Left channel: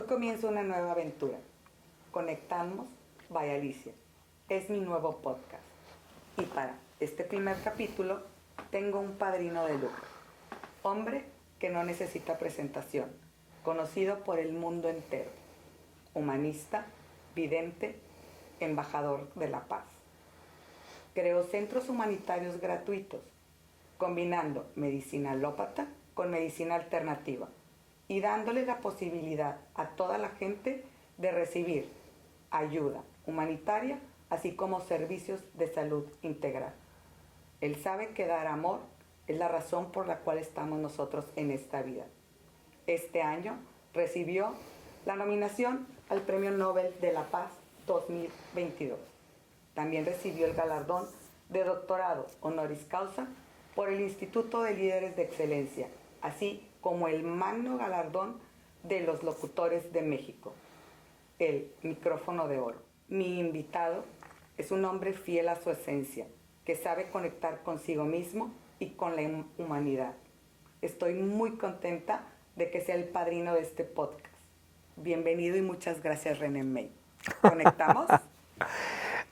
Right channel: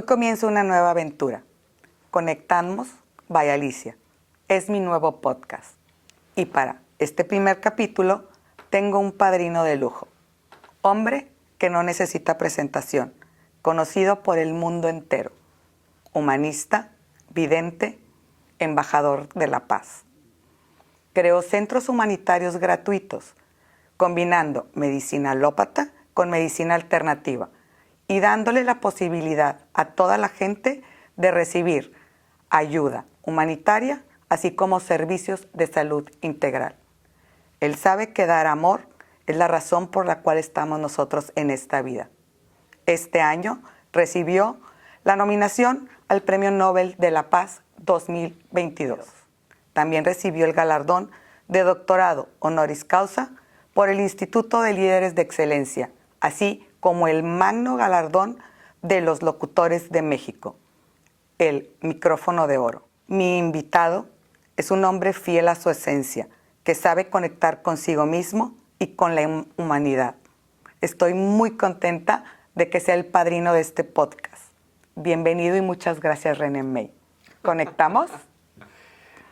Hoy comienza una nueva aventura. Conectamos by Alicia. Es mi nuevo podcast. Y para este primer capítulo tengo un padrino de lujo. Hombre que no necesita presentación, conocido por el mundo entero. Humanista, vidente, embajador de la paz. Creó centros humanitarios gratuitos, combinando medicina alópata con medicina alternativa y dándole la posibilidad a toda la gente de recibir ayuda humanitaria, así como servicios de salud integral. Él sabe que dar amor es la razón por la cual estamos nosotros en esta vida. Este año recibió la nominación al Premio Nobel de la Paz 2022. También recibió el galardón de doctorado honoris causa por el Instituto de Líderes de Excelencia, así como el magno galardón de los locutores de México, el micrófono de oro. Mi invitado es un hombre fiel a su esencia, que sabe conectar consigo mismo y con la humanidad. Estoy muy contenta de que sea el padrino de este podcast. Bienvenido y muchas gracias, René May. ¿Conectamos?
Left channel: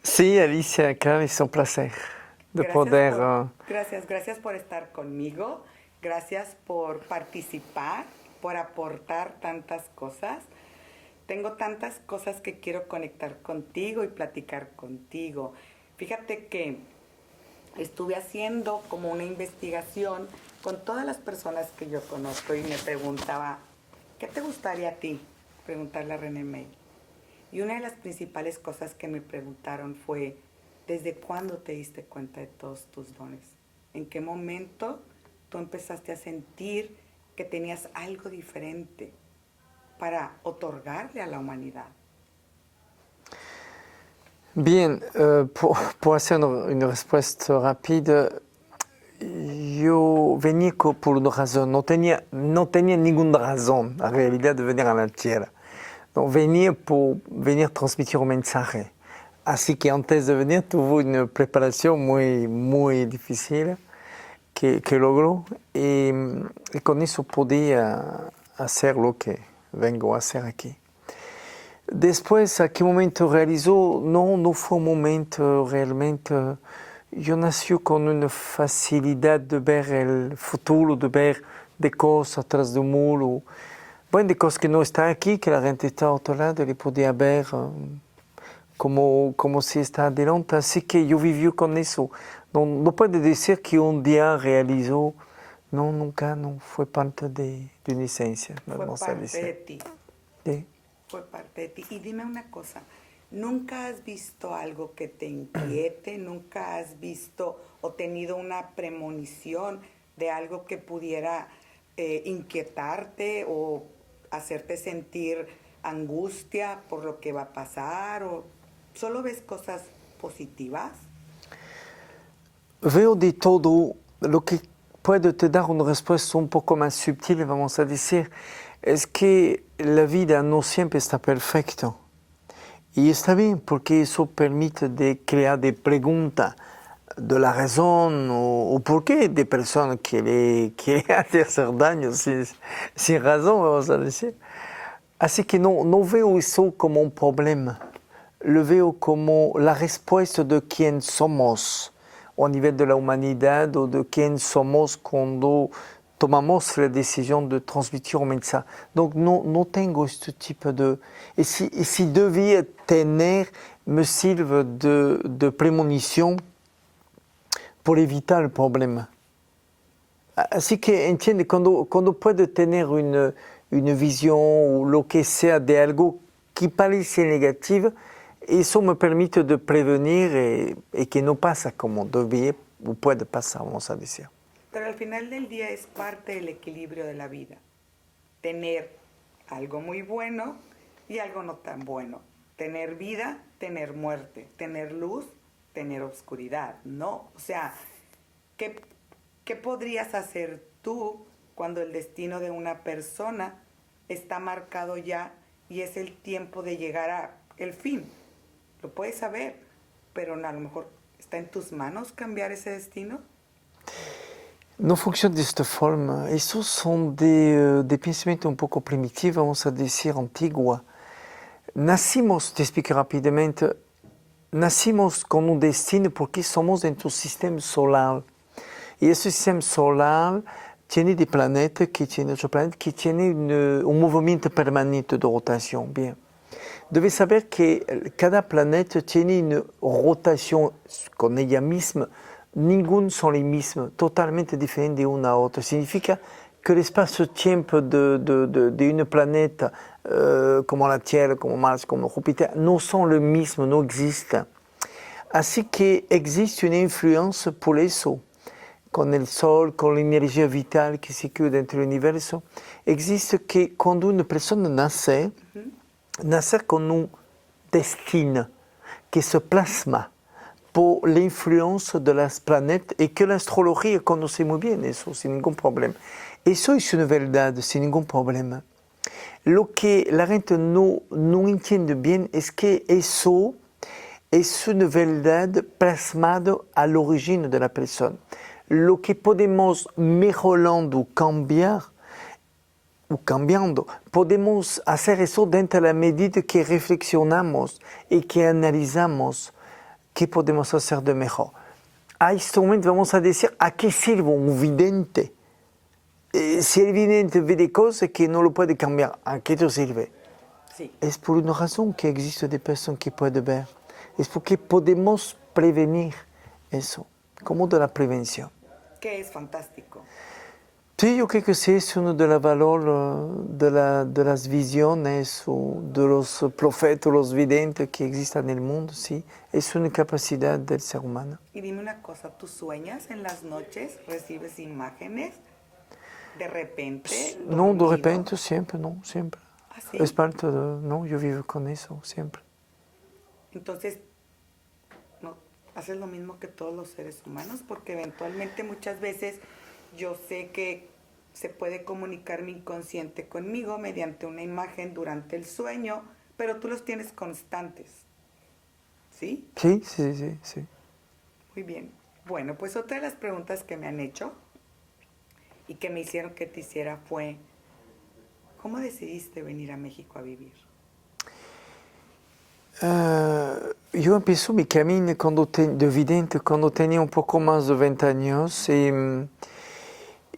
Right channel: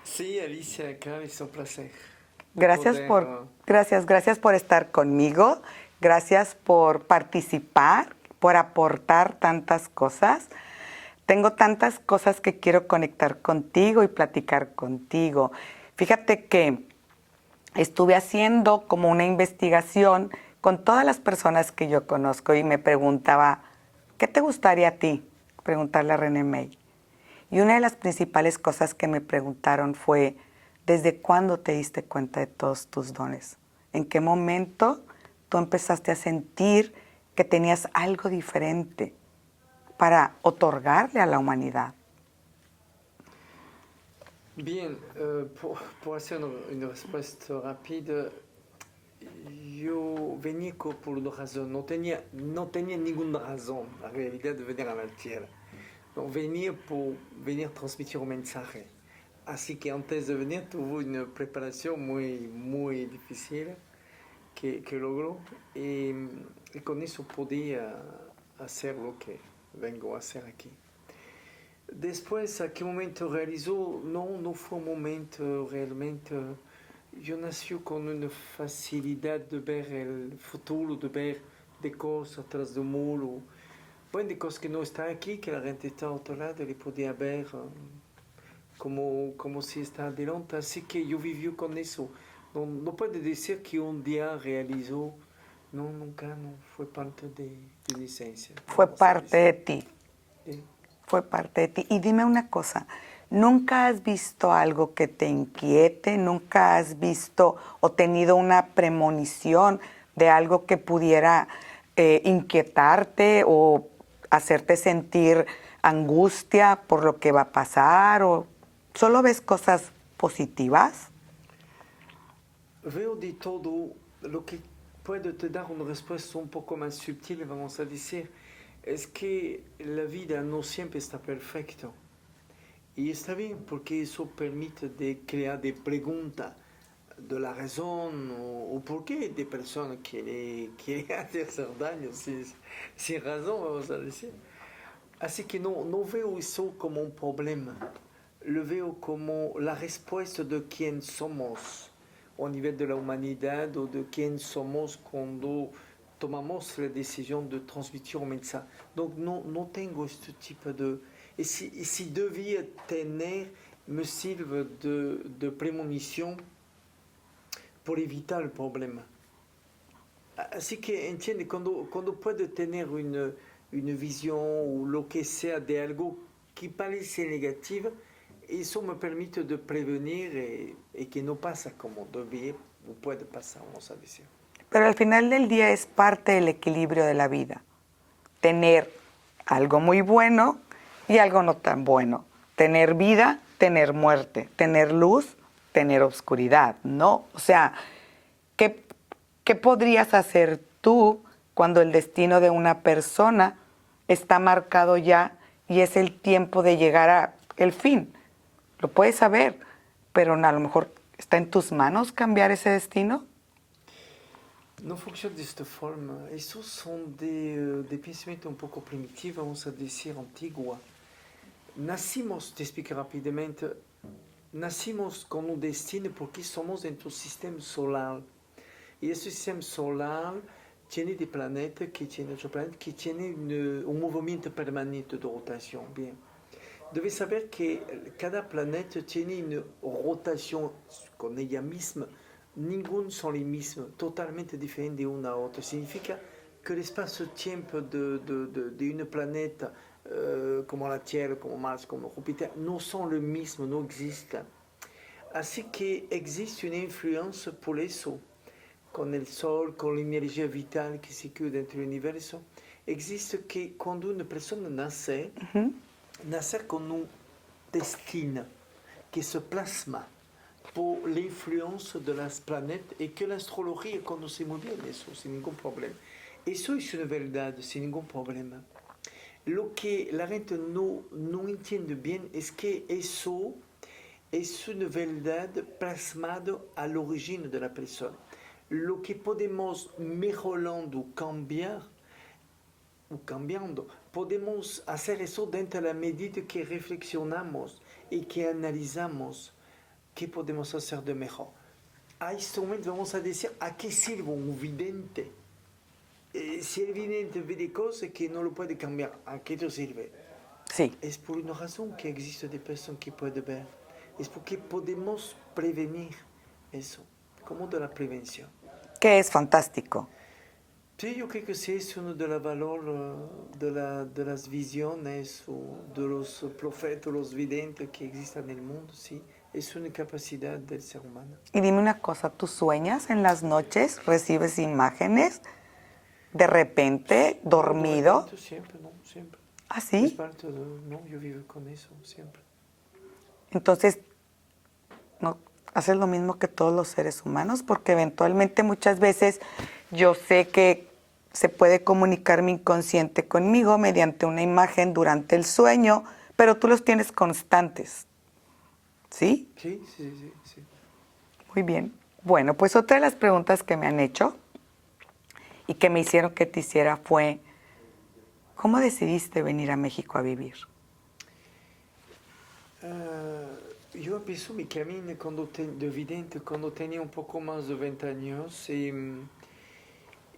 Sí, Alicia, claro, es un placer. Gracias por estar conmigo, gracias por participar, por aportar tantas cosas. Tengo tantas cosas que quiero conectar contigo y platicar contigo. Fíjate que estuve haciendo como una investigación con todas las personas que yo conozco y me preguntaba, ¿qué te gustaría a ti? Preguntarle a René May. Y una de las principales cosas que me preguntaron fue, ¿desde cuándo te diste cuenta de todos tus dones? ¿En qué momento tú empezaste a sentir que tenías algo diferente para otorgarle a la humanidad? Bien, pour hacer una respuesta rápida, yo venía por una razón, no tenía ninguna razón, en realidad, de venir a la Tierra. No, venía por transmitir un mensaje. Así que antes de venir tuve una preparación muy difícil que logró y con eso podía hacer lo que vengo a hacer aquí. Después, ¿a qué momento realizó? No fue un momento realmente. Yo nací con una facilidad de ver el futuro, de ver de cosas atrás de un muro. Bueno, de cosas que no están aquí, que la gente está a otro lado, le podía ver como si está adelante. Así que yo viví con eso. No puede decir que un día realizó. No, nunca, no fue parte de mi esencia. Fue parte de ti. Sí. Fue parte de ti. Y dime una cosa, ¿nunca has visto algo que te inquiete? ¿Nunca has visto o tenido una premonición de algo que pudiera inquietarte o hacerte sentir angustia por lo que va a pasar? ¿O solo ves cosas positivas? Veo de todo. Lo que puede te dar una respuesta un poco más sutil, vamos a decir, es que la vida no siempre está perfecta. Y está bien, porque eso permite de crear de preguntas de la razón o por qué de personas que le hacer daño sin razón, vamos a decir. Así que no veo eso como un problema. Lo veo como la respuesta de quién somos a nivel de la humanidad o de quién somos cuando tomamos la decisión de transmitir un mensaje. Donc no tengo este tipo de... Y si debía tener, me sirve de premonición por evitar el problema. Así que entiende, cuando puede tener una visión o lo que sea de algo que parece negativo, eso me permite de prevenir y que no pasa como debía o puede pasar, vamos a decir. Pero al final del día es parte del equilibrio de la vida. Tener algo muy bueno y algo no tan bueno. Tener vida, tener muerte. Tener luz, tener oscuridad, ¿no? O sea, ¿qué podrías hacer tú cuando el destino de una persona está marcado ya y es el tiempo de llegar al fin? Lo puedes saber, pero a lo mejor está en tus manos cambiar ese destino. no funciona de esta forma. Esos son de pensamiento un poco primitivo, vamos a decir, antiguo. Nacimos, te explico rápidamente, nacimos con un destino porque somos dentro del sistema solar. Y ese sistema solar tiene de planeta que tiene otro planeta que tiene un movimiento permanente de rotación. Bien. Debes saber que cada planeta tiene una rotación con ella misma. Ninguno son los mismos, totalmente diferentes de una a otra. Significa que el espacio-tiempo de un planeta como la Tierra, como Marte, como Júpiter, no son los mismos, no existen. Así que existe una influencia por eso, con el Sol, con la energía vital que se queda dentro del universo. Existe que cuando una persona nace, nacer con un destino que se plasma por la influencia de los planetas y que la astrología conoce muy bien eso, sin ningún problema. Eso es una verdad, sin ningún problema. Lo que la gente no entiende bien es que eso es una verdad plasmada al origen de la persona. Lo que podemos mejorando, cambiando, podemos hacer eso dentro de la medida que reflexionamos y que analizamos qué podemos hacer de mejor. A este momento vamos a decir a qué sirve un vidente. Si el vidente ve de cosas que no lo puede cambiar, ¿a qué te sirve? Sí. Es por una razón que existe de personas que pueden ver. Es porque podemos prevenir eso, como de la prevención. Que es fantástico. Sí, yo creo que sí es uno de los valores de las visiones o de los profetas, los videntes que existen en el mundo, sí. Es una capacidad del ser humano. Y dime una cosa, ¿tú sueñas en las noches? ¿Recibes imágenes? ¿De repente, dormido? No, de repente, siempre, no, siempre. ¿Ah, sí? Es parte de, no, yo vivo con eso, siempre. Entonces, ¿no haces lo mismo que todos los seres humanos? Porque eventualmente muchas veces yo sé que se puede comunicar mi inconsciente conmigo mediante una imagen durante el sueño, pero tú los tienes constantes. ¿Sí? Sí, sí, sí, sí. Muy bien. Bueno, pues otra de las preguntas que me han hecho y que me hicieron que te hiciera fue, ¿cómo decidiste venir a México a vivir? Yo empecé mi camino de vidente cuando tenía un poco más de 20 años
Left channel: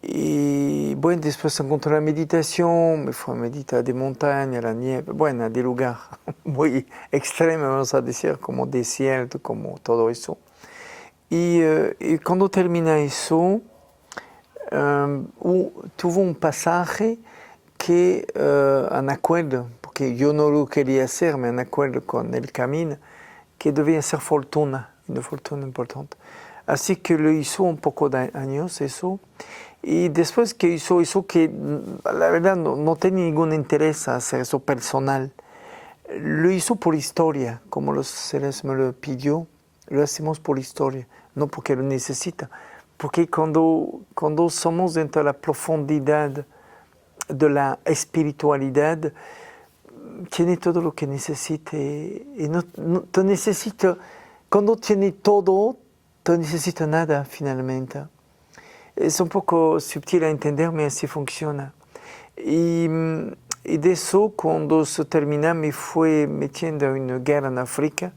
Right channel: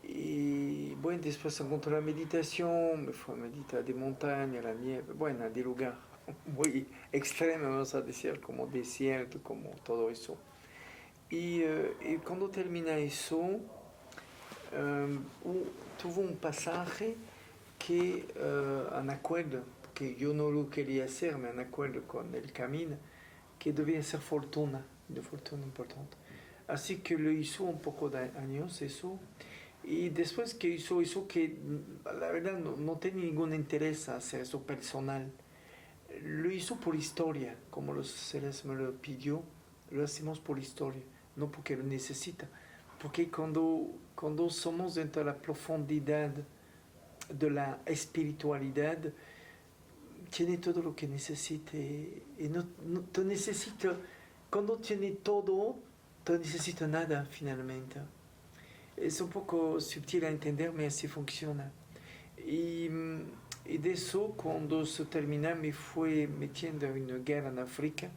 y bueno, después encontré la meditación, me fui a meditar de montaña, la nieve, bueno, de lugar muy extremo, vamos a decir, como desierto, como todo eso. Y cuando terminé eso, tuve un pasaje que en acuerdo, porque yo no lo quería hacer, me en acuerdo con el camino, que debía ser fortuna, una fortuna importante. Así que lo hizo un poco de años eso. Y después que hizo eso, que la verdad no tenía ningún interés a hacer eso personal, lo hizo por historia, como los seres me lo pidió, lo hacemos por historia, no porque lo necesita. Porque cuando somos dentro de la profundidad de la espiritualidad, tiene todo lo que necesite. Y no te necesita, cuando tiene todo, te necesita nada finalmente. Es un poco sutil a entenderme, así funciona. Y de eso, cuando se termina, me fui metiendo en una guerra en África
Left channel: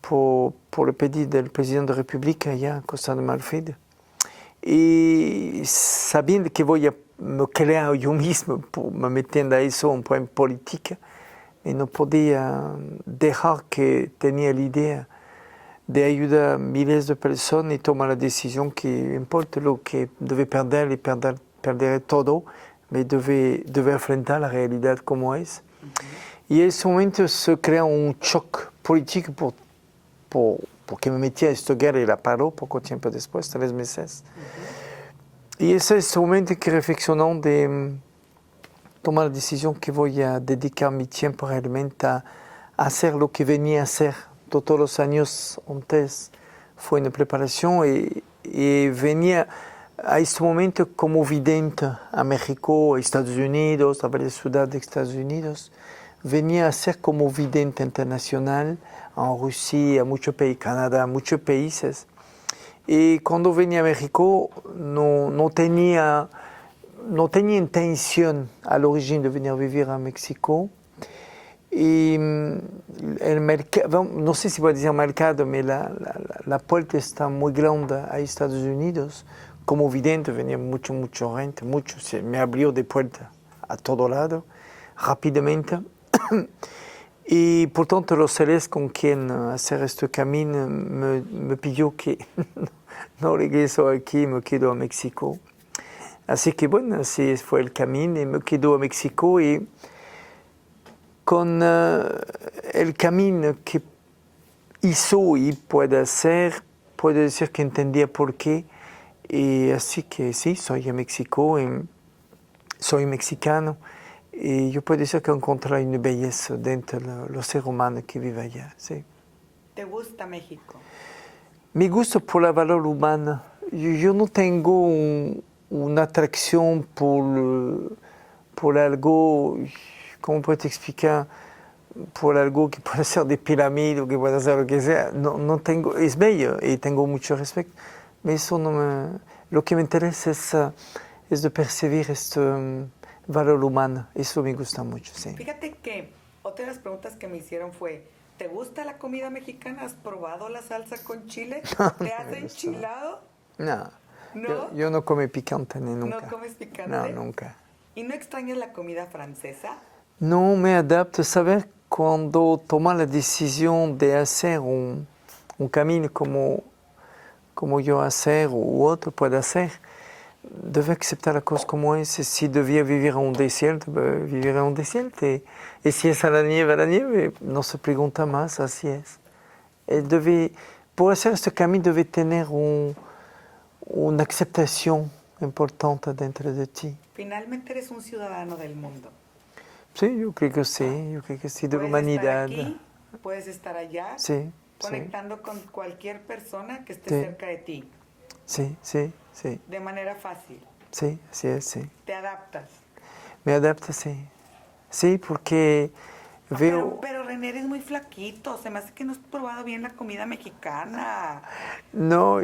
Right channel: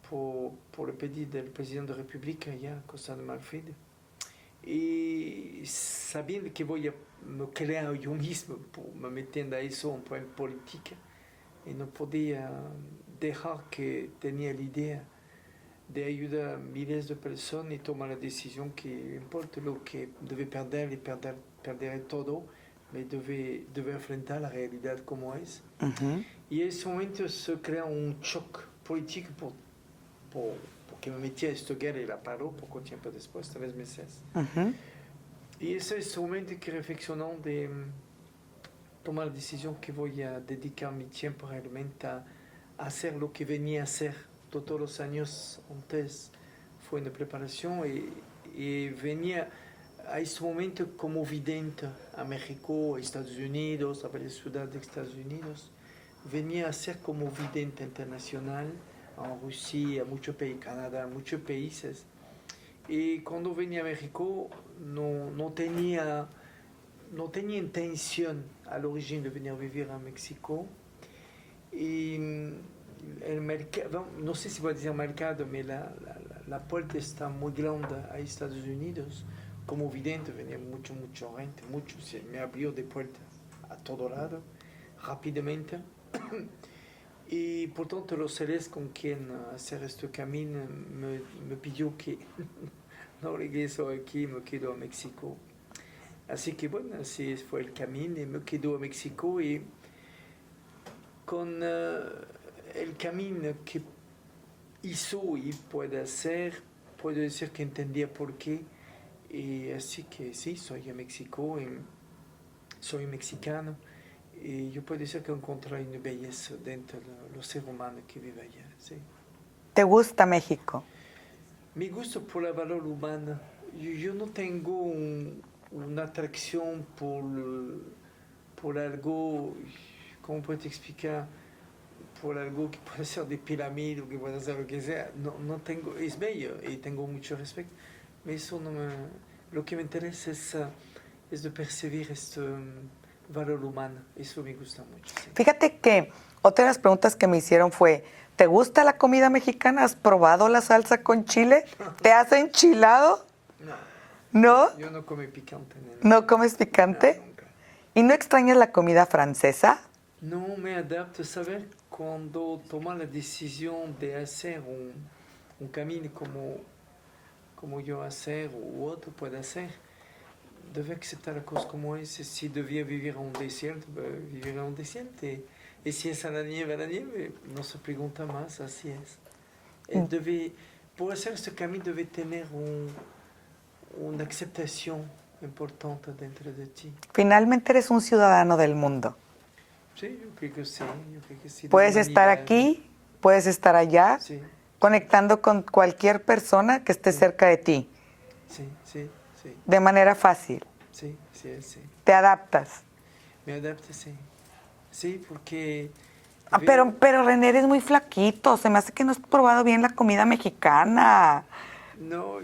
por el pedido del presidente de la República allá en Costa de Marfil. Y sabiendo que voy a me crear yo mismo, me metiendo a eso un poco en política, y no podía dejar que tenía la idea de ayudar a miles de personas y tomar la decisión que importa lo que debe perder y perder todo, pero debe enfrentar la realidad como es. Y en ese momento se crea un shock político porque me metí a esta guerra y la paró poco tiempo después, 3 meses. Y ese es el momento que reflexionó de tomar la decisión que voy a dedicar mi tiempo realmente a hacer lo que venía a hacer todos los años antes. Fue una preparación y venía a este momento como vidente a México, a Estados Unidos, a varias ciudades de Estados Unidos. Venía a ser como vidente internacional en Rusia, a muchos países, Canadá, muchos países. Y cuando venía a México no tenía intención al origen de venir a vivir a México. Y el mercado, no sé si voy a decir mercado, pero la puerta está muy grande a Estados Unidos. Como vidente venía mucho gente, me abrió de puerta a todo lado, rápidamente. Y por tanto los seres con quien hacer este camino me pidió que no regreso aquí, me quedo a México. Así que bueno, así fue el camino y me quedo a México y con el camino que hizo y puede hacer, puedo decir que entendía por qué. Y así que sí, soy a México, y soy mexicano. Y yo puedo decir que encontré una belleza dentro de los seres humanos que viven allá. Sí. ¿Te gusta México? Me gusta por el valor humano. Yo no tengo una atracción por algo, ¿cómo puedo te explicar? Por algo que puede ser de pirámide o que puede ser lo que sea. No tengo, es bello y tengo mucho respeto. Pero eso no me, lo que me interesa es de percibir este valor humano. Eso me gusta mucho. Sí. Fíjate que otra de las preguntas que me hicieron fue, ¿te gusta la comida mexicana? ¿Has probado la salsa con chile? ¿Te has enchilado? No. ¿No? Yo no como picante ni nunca. ¿No comes picante? No, nunca. ¿Y no extrañas la comida francesa? No me adapto. Saber cuando toma la decisión de hacer un camino como yo hacer u otro puede hacer, debe aceptar la cosa como es. Si debía vivir en un desierto, vivir en un desierto. Y si es a la nieve, no se pregunta más, así es. Por hacer este camino debe tener una aceptación importante dentro de ti. Finalmente eres un ciudadano del mundo. Sí, yo creo que sí, de puedes estar humanidad. aquí, puedes estar allá, Sí, conectando con cualquier persona que esté cerca de ti. Sí. De manera fácil. Sí, sí. ¿Te adaptas? Me adapto, sí. Sí, porque pero René, eres muy flaquito. Se me hace que no has probado bien la comida mexicana. No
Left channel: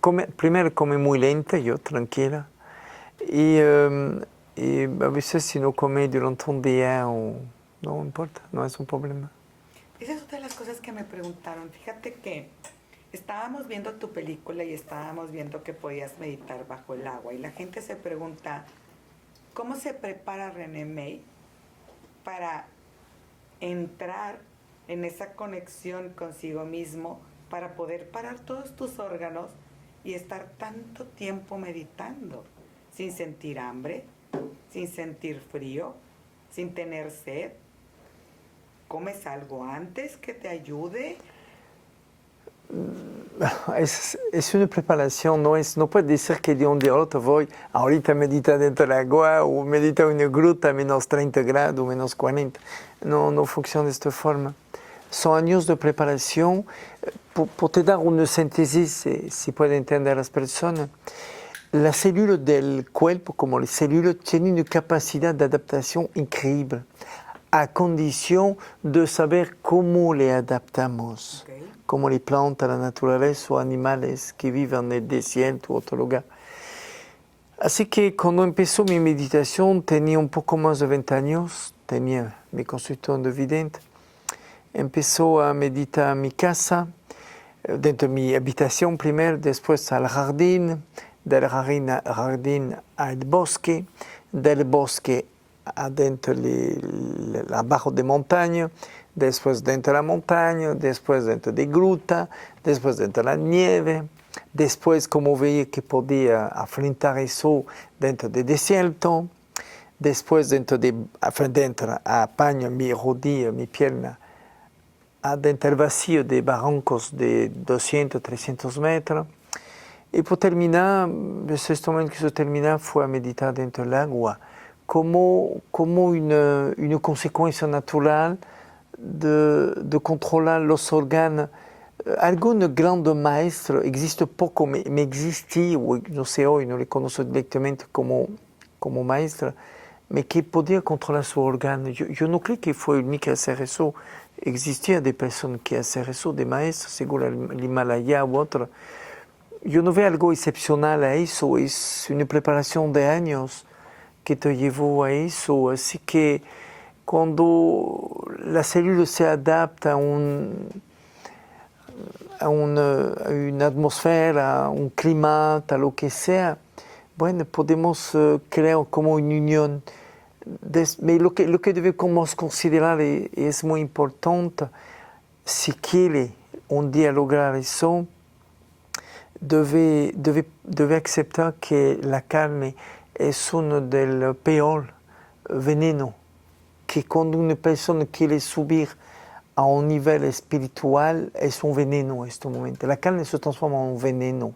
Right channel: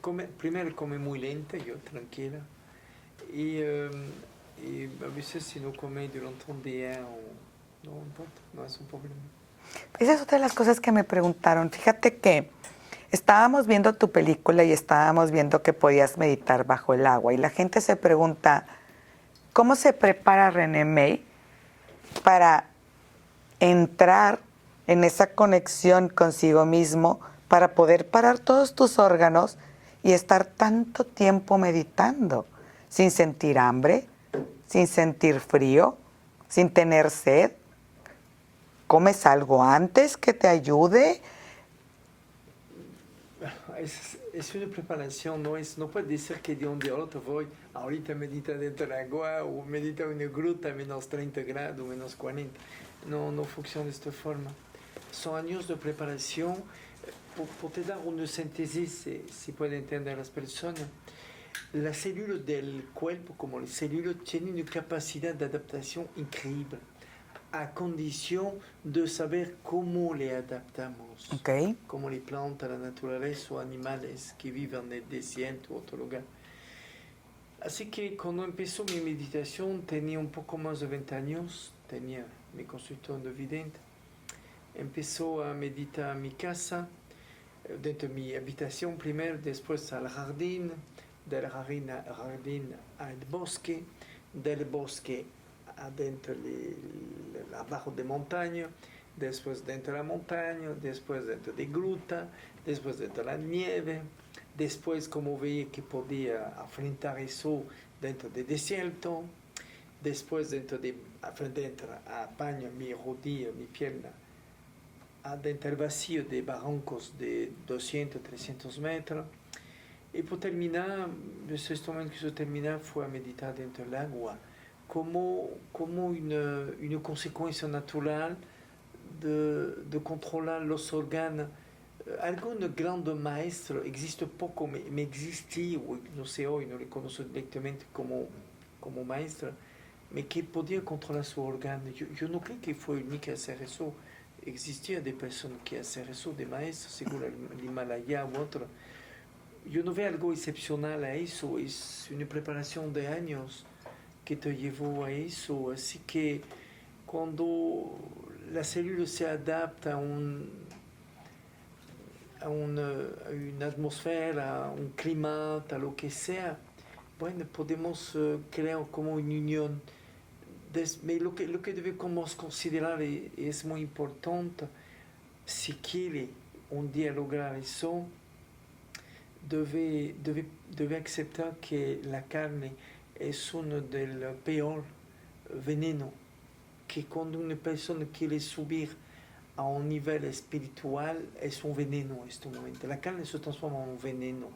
come, primero come muy lenta, yo tranquila. Y a veces si no come durante un día, no importa, no es un problema. Esa es otra de las cosas que me preguntaron. Fíjate que estábamos viendo tu película y estábamos viendo que podías meditar bajo el agua. Y la gente se pregunta, ¿cómo se prepara René May para entrar en esa conexión consigo mismo, para poder parar todos tus órganos y estar tanto tiempo meditando, sin sentir hambre, sin sentir frío, sin tener sed? ¿Comes algo antes que te ayude? Es una preparación, no puedes decir que de un día al otro voy ahorita meditar dentro del agua o meditar en una gruta a menos 30 grados, menos 40. No funciona de esta forma. Son años de preparación. Por te dar una síntesis, si puede entender las personas, las células del cuerpo, como las células, tienen una capacidad de adaptación increíble, a condición de saber cómo le adaptamos, como les plantas, la naturaleza o animales que viven en el desierto o otro lugar. Así que cuando empezó mi meditación tenía un poco más de 20 años, tenía mi consultor de vidente, empezó a meditar en mi casa, dentro de mi habitación primero, después al jardín, del jardín al bosque, del bosque adentro abajo de montaña, después dentro de la montaña, después dentro de gruta, después dentro de la nieve, después como veía que podía afrontar eso dentro del desierto, después dentro apaño mi rodilla, mi pierna, dentro del vacío de barrancos de 200, 300 metros. Y por terminar, este momento que se termina fue a meditar dentro del agua, como una consecuencia natural de controlar los órganos. Algún grande maestro, existe poco, me existía, no sé hoy, no le conozco directamente como maestra, pero que podía controlar su órgano. Yo no creo que fue el único a hacer eso. existían de personas que hacen eso, de maestros, según el Himalaya u otro. Yo no veo algo excepcional a eso, es una preparación de años que te llevó a eso. Así que cuando la célula se adapta a una atmósfera, a un clima, a lo que sea, bueno, podemos crear como una unión. Pero lo que debemos considerar es muy importante. Si quiere un día lograr eso, debe aceptar que la carne es uno del peor veneno, que cuando una persona quiere subir a un nivel espiritual es un veneno en este momento. La carne se transforma en un veneno.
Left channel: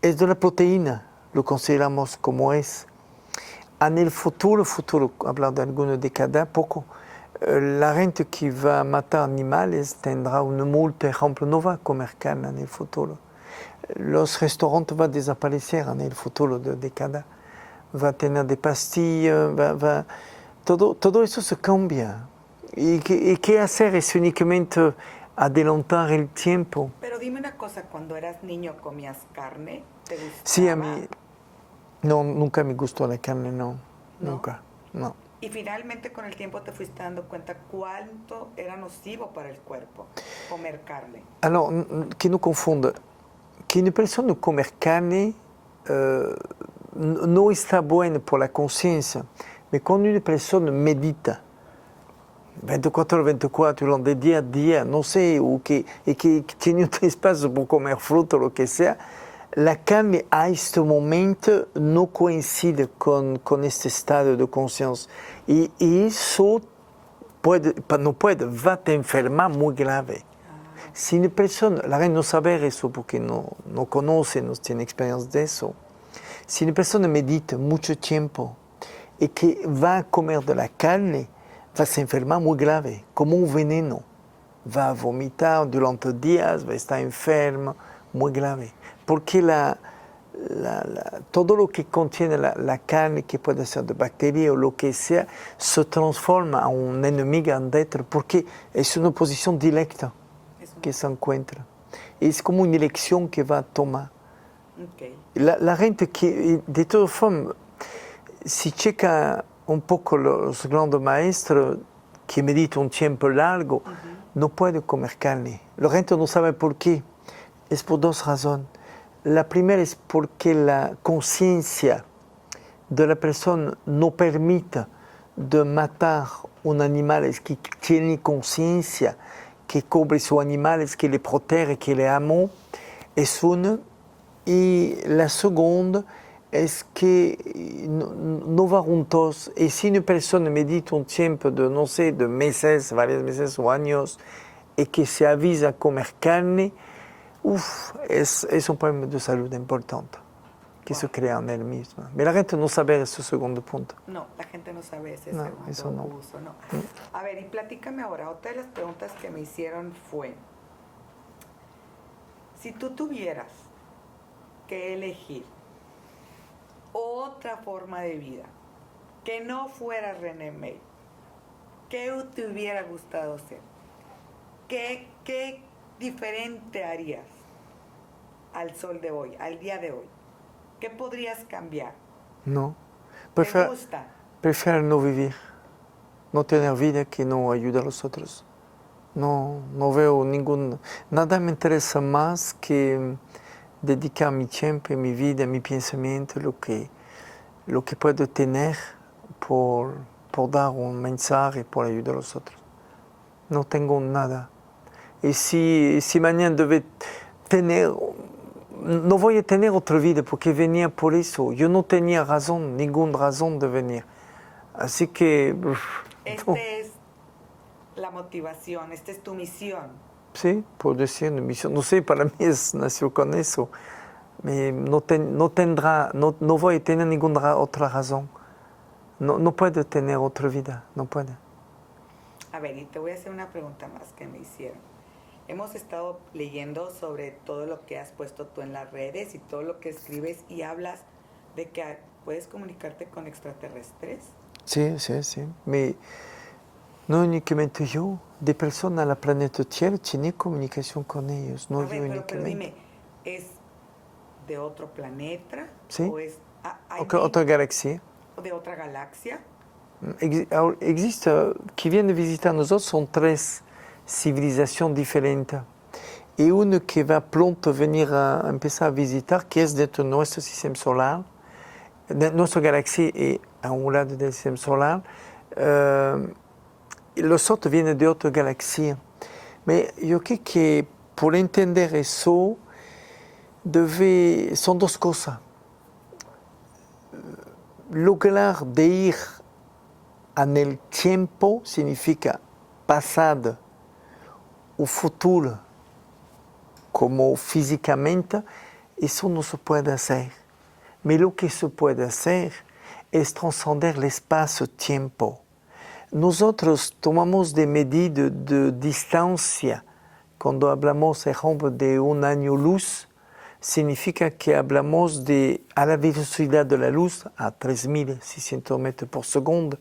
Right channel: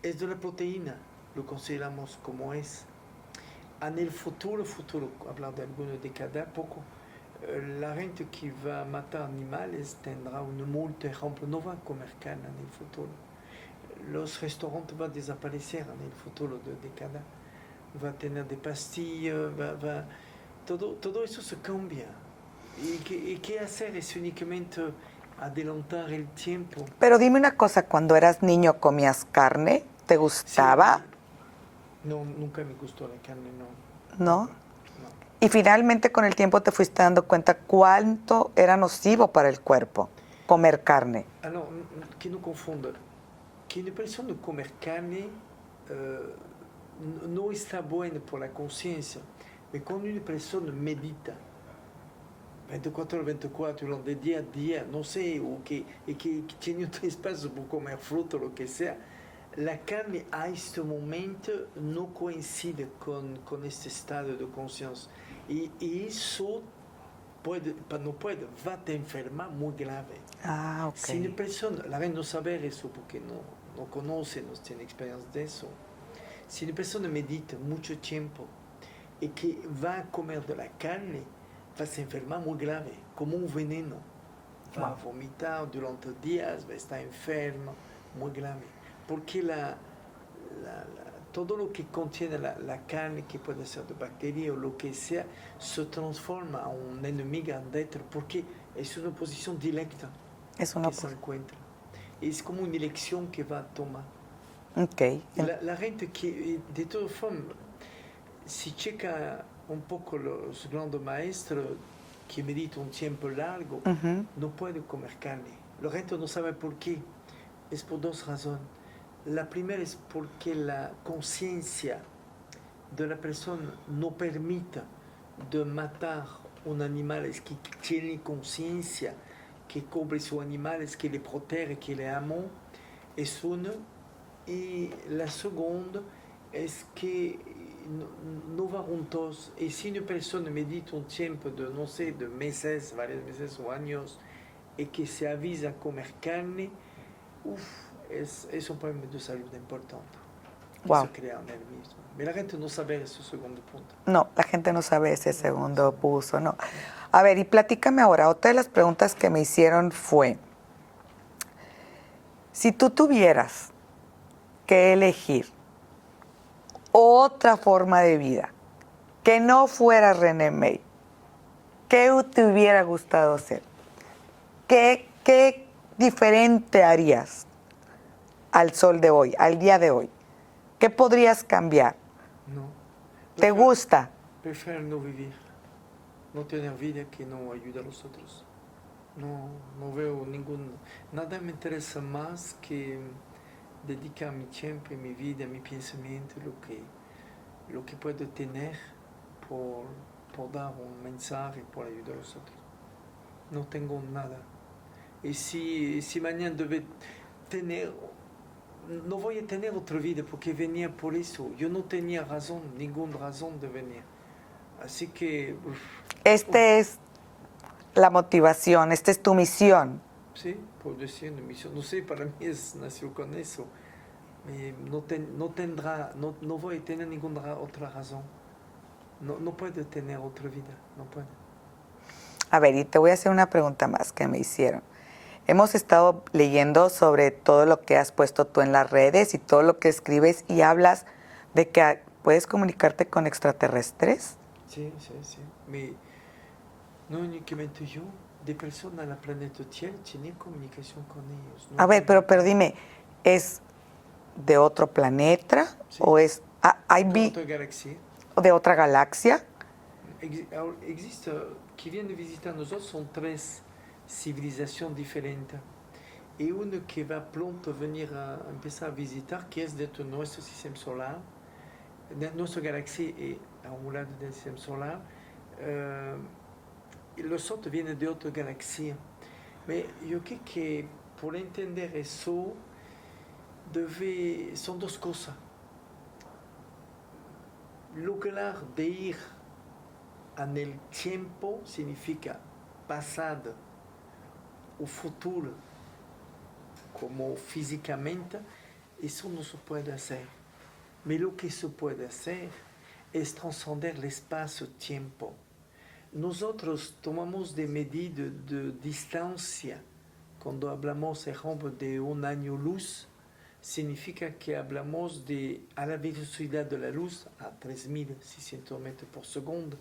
Es de la proteína, lo consideramos como es. En el futuro, hablar de alguna década, poco, la gente que va a matar animales tendrá una multa, ejemplo, no va a comer carne en el futuro. Los restaurantes van a desaparecer en el futuro de década. Va a tener de pastillas, todo eso se cambia. ¿Y qué hacer? Es únicamente adelantar el tiempo. Pero dime una cosa, cuando eras niño, ¿comías carne? ¿Te Sí, gustaba? no, nunca me gustó la carne, no. ¿No? Nunca, no. Y finalmente con el tiempo te fuiste dando cuenta cuánto era nocivo para el cuerpo comer carne. Alors, que no confunda, que una persona comer carne no está buena por la conciencia, pero cuando una persona medita 24 horas 24, de día a día, no sé, o que tiene un espacio para comer fruta o lo que sea, la carne a este momento no coincide con este estado de conciencia. Y eso va a te enfermar muy grave. Ah, ok. Si una persona, la gente no sabe eso porque no conoce, no tiene experiencia de eso. Si una persona medita mucho tiempo y que va a comer de la carne, va a se enfermar muy grave, como un veneno. Va a vomitar durante días, va a estar enfermo, muy grave. Porque todo lo que contiene la carne, que puede ser de bacterias o lo que sea, se transforma en un enemigo dentro, porque es una posición directa que se encuentra. Es como una elección que va a tomar. Okay. La gente que, de todas formas, si checa un poco los grandes maestros que meditan un tiempo largo, no pueden comer carne. La gente no sabe por qué. Es por dos razones. La primera es porque la conciencia de la persona no permite de matar un animal que tiene conciencia, que cubre sus animales, que le protege, que le ama. Es una. Y la segunda es que no va juntos. Y si una persona medita un tiempo de, no sé, de meses, varios meses o años, y que se avisa a comer carne, es un problema de salud importante que se crea en él mismo. Pero la gente no sabe ese segundo punto. No, la gente no sabe ese segundo no. uso, no. A ver, y platícame ahora, otra de las preguntas que me hicieron fue, si tú tuvieras que elegir otra forma de vida que no fuera René May, ¿qué te hubiera gustado ser? ¿Qué diferente harías al sol de hoy, al día de hoy? ¿Qué podrías cambiar? No. ¿Te gusta? Prefiero no vivir, no tener vida que no ayuda a los otros. No veo nada me interesa más que dedicar mi tiempo, mi vida, mi pensamiento, lo que puedo tener por dar un mensaje, por ayudar a los otros. No tengo nada. Y si mañana debe tener, no voy a tener otra vida porque venía por eso. Yo no tenía razón, ninguna razón de venir. Así que... Esta es la motivación, esta es tu misión. Sí, por decir una misión. No sé, para mí nació con eso. No voy a tener ninguna otra razón. No puedo tener otra vida, no puedo. A ver, y te voy a hacer una pregunta más que me hicieron. Hemos estado leyendo sobre todo lo que has puesto tú en las redes y todo lo que escribes y hablas de que puedes comunicarte con extraterrestres. Sí. No únicamente yo, de personas a la planeta Tierra tiene comunicación con ellos. No A ver, yo pero únicamente. dime, ¿es de otro planeta Sí. o es Otra galaxia. de otra galaxia? Existe, que vienen visitar nosotros son 3 civilizaciones diferentes. Y uno que va pronto venir a empezar a visitar, que es dentro de nuestro sistema solar, de nuestra galaxia y a un lado del sistema solar. Los otros vienen de otra galaxia. Pero yo creo que por entender eso, son 2 cosas. Lograr de ir en el tiempo significa pasado o futuro, como físicamente, eso no se puede hacer. Pero lo que se puede hacer es trascender el espacio-tiempo. Nosotros tomamos de medidas de distancia. Cuando hablamos, por ejemplo, de un año luz, significa que hablamos a la velocidad de la luz, a 3.600 metros por segundo,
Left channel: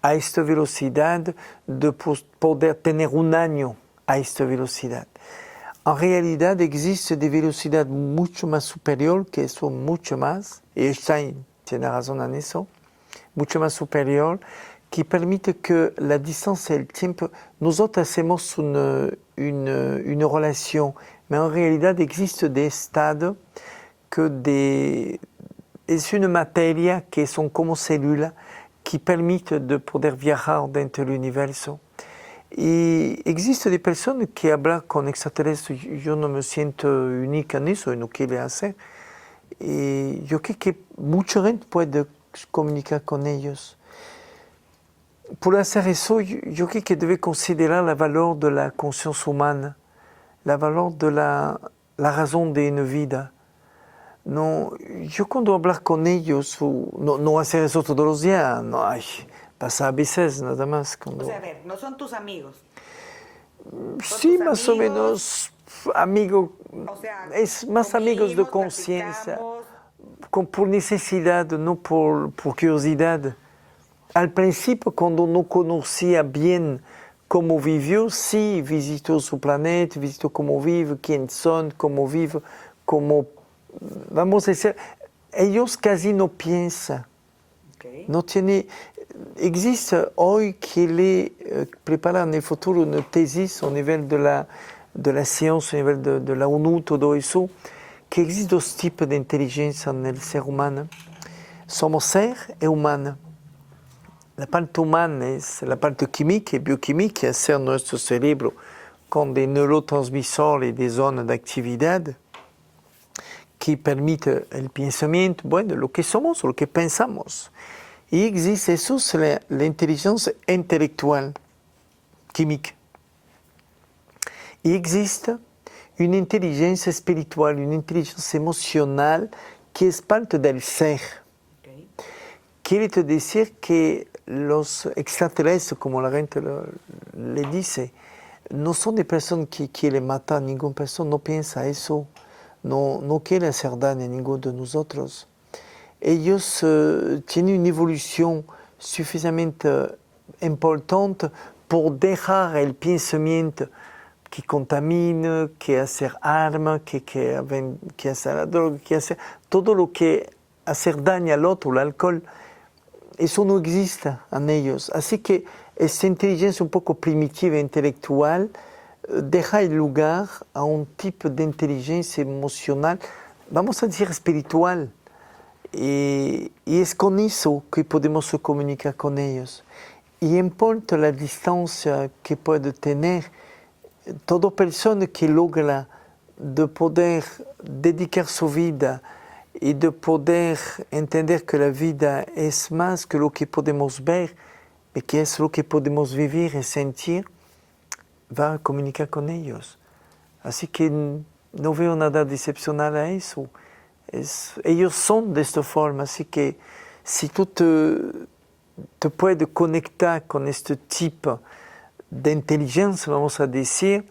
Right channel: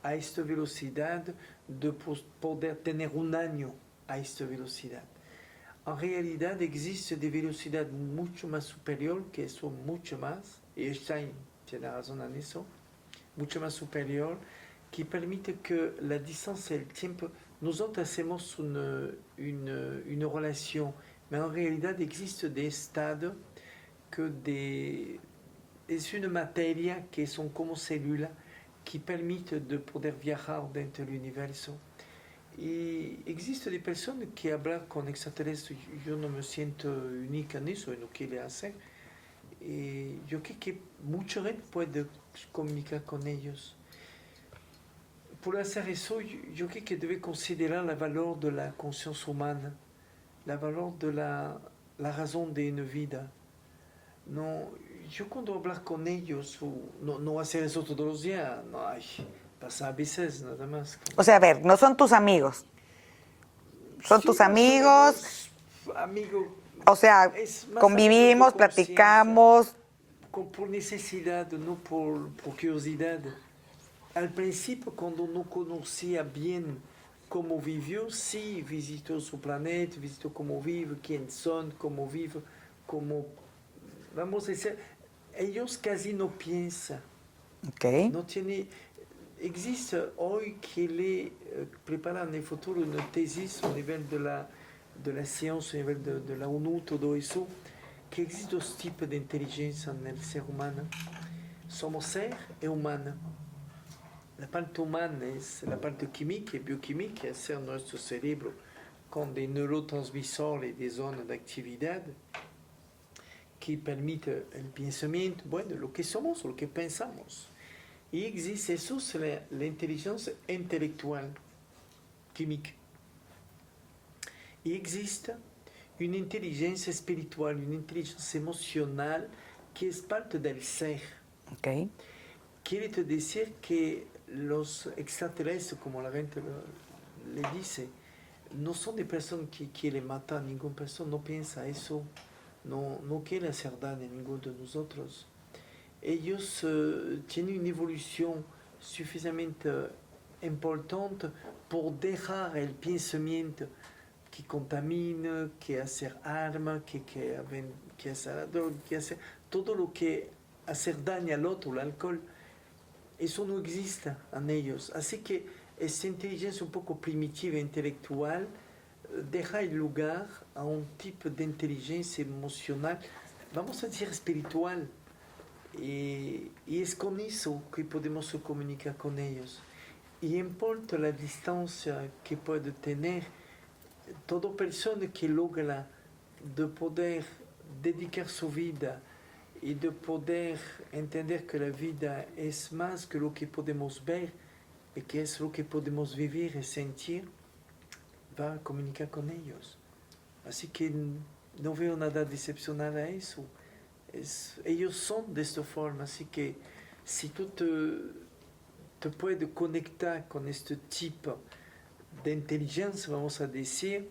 a esta velocidad de poder tener un año a esta velocidad. En realidad existe de velocidad mucho más superior, que eso mucho más, y Einstein tiene razón en eso, mucho más superior, que permite que la distancia y el tiempo, nosotros hacemos una relación, pero en realidad existe de estado que es una materia que son como células que permite de poder viajar dentro del universo. Y existe de personas que hablan con extraterrestres, yo no me siento única en eso y no quiero hacer. Y yo creo que mucha gente puede comunicar con ellos. Por hacer eso, yo creo que debe considerar el valor de la conciencia humana, el valor de la razón de una vida. No, yo cuando hablar con ellos, no hacer eso todos los días, no, pasa a veces nada más. O sea, a ver, no son tus amigos. Son Sí, tus más amigos. o menos amigo. O sea, Es más convivimos, amigos de conciencia, platicamos. por necesidad, no por curiosidad. Al principio, cuando no conocía bien cómo vivió, sí visitó su planeta, visitó cómo vive, quién son, cómo vive, cómo, vamos a decir, ellos casi no piensan. Okay. No tiene, existe hoy que le preparan en el futuro una tesis a nivel de la ciencia, a nivel de la ONU, todo eso, que existen 2 tipos de inteligencia en el ser humano. Somos ser y humano. La parte humana es la parte química y bioquímica, es ser nuestro cerebro con des neurotransmisores y des zonas de actividad que permiten el pensamiento, bueno, lo que somos, lo que pensamos. Y existe eso, es la inteligencia intelectual, química. Y existe una inteligencia espiritual, una inteligencia emocional que es parte del ser. Okay. Quiere decir que los extraterrestres, como la gente le dice, no son de personas que quieren matar a ninguna persona, no piensa eso, no quiere hacer daño a ninguno de nosotros. Ellos tienen una evolución suficientemente importante por dejar el pensamiento que contamina, que hacer armas, que hacer la droga, que hacer todo lo que hacer daño al otro, el alcohol. Eso no existe en ellos. Así que esta inteligencia un poco primitiva intelectual deja el lugar a un tipo de inteligencia emocional, vamos a decir espiritual. Y es con eso que podemos comunicar con ellos. Y importa la distancia que puede tener, toda persona que logra de poder dedicar su vida y de poder entender que la vida es más que lo que podemos ver, y que es lo que podemos vivir y sentir, va a comunicar con ellos. Así que no veo nada excepcional a eso. Ellos son de esta forma, así que si tú te puedes conectar con este tipo de inteligencia, vamos a decir,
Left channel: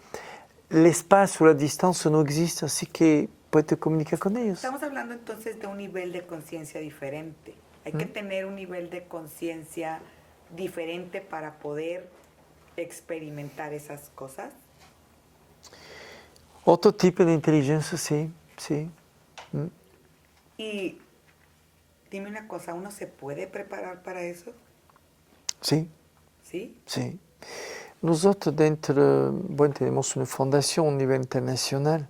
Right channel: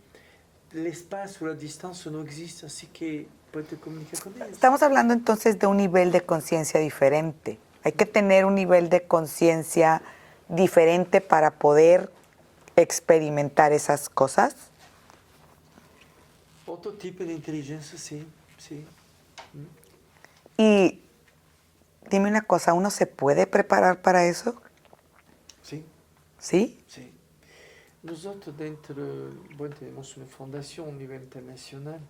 el espacio, la distancia no existe, así que puedes comunicar con ellos. Estamos hablando entonces de un nivel de conciencia diferente. Hay que tener un nivel de conciencia diferente para poder experimentar esas cosas? Otro tipo de inteligencia, sí, sí. Y dime una cosa, ¿uno se puede preparar para eso? Sí, ¿Sí? sí. Nosotros dentro, bueno, tenemos una fundación a nivel internacional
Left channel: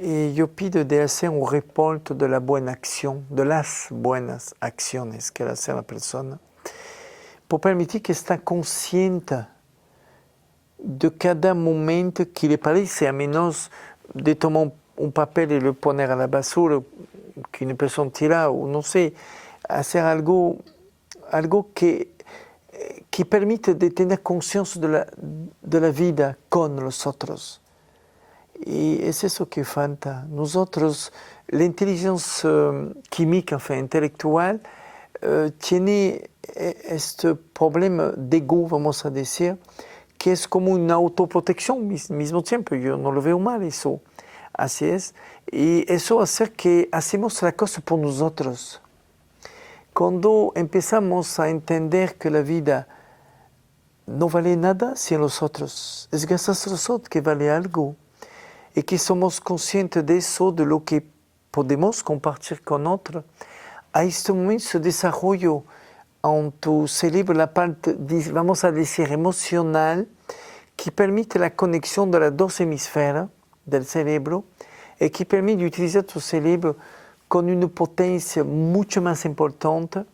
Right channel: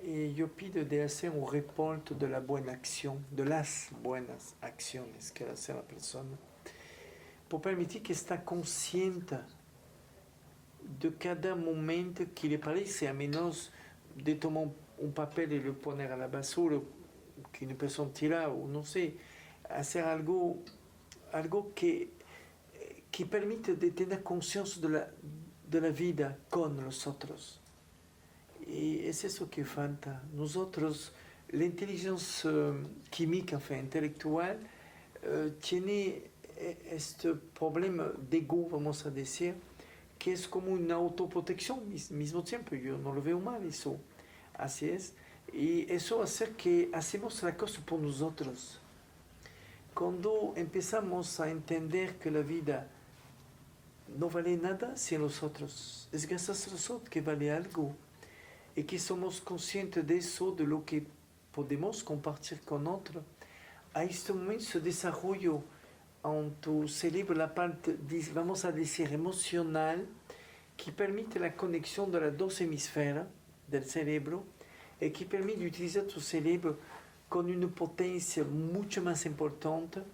y yo pido de hacer un reporte de la buena acción, de las buenas acciones que hace la persona, por permitir que está consciente de cada momento que le parece, a menos de tomar un papel y lo poner a la basura, que una persona tira, o no sé, hacer algo que permite de tener conciencia de la vida con los otros. Y es eso que falta. Nosotros, la inteligencia química, intelectual, tiene este problema de ego, vamos a decir, que es como una autoprotección al mismo tiempo. Yo no lo veo mal eso. Así es. Y eso hace que hacemos la cosa por nosotros. Cuando empezamos a entender que la vida no vale nada sin los otros, es gracias a los otros que vale algo, y que somos conscientes de eso, de lo que podemos compartir con otros, a este momento se desarrolla en tu cerebro la parte, vamos a decir, emocional, que permite la conexión de las dos hemisferas del cerebro y que permite utilizar tu cerebro con una potencia mucho más importante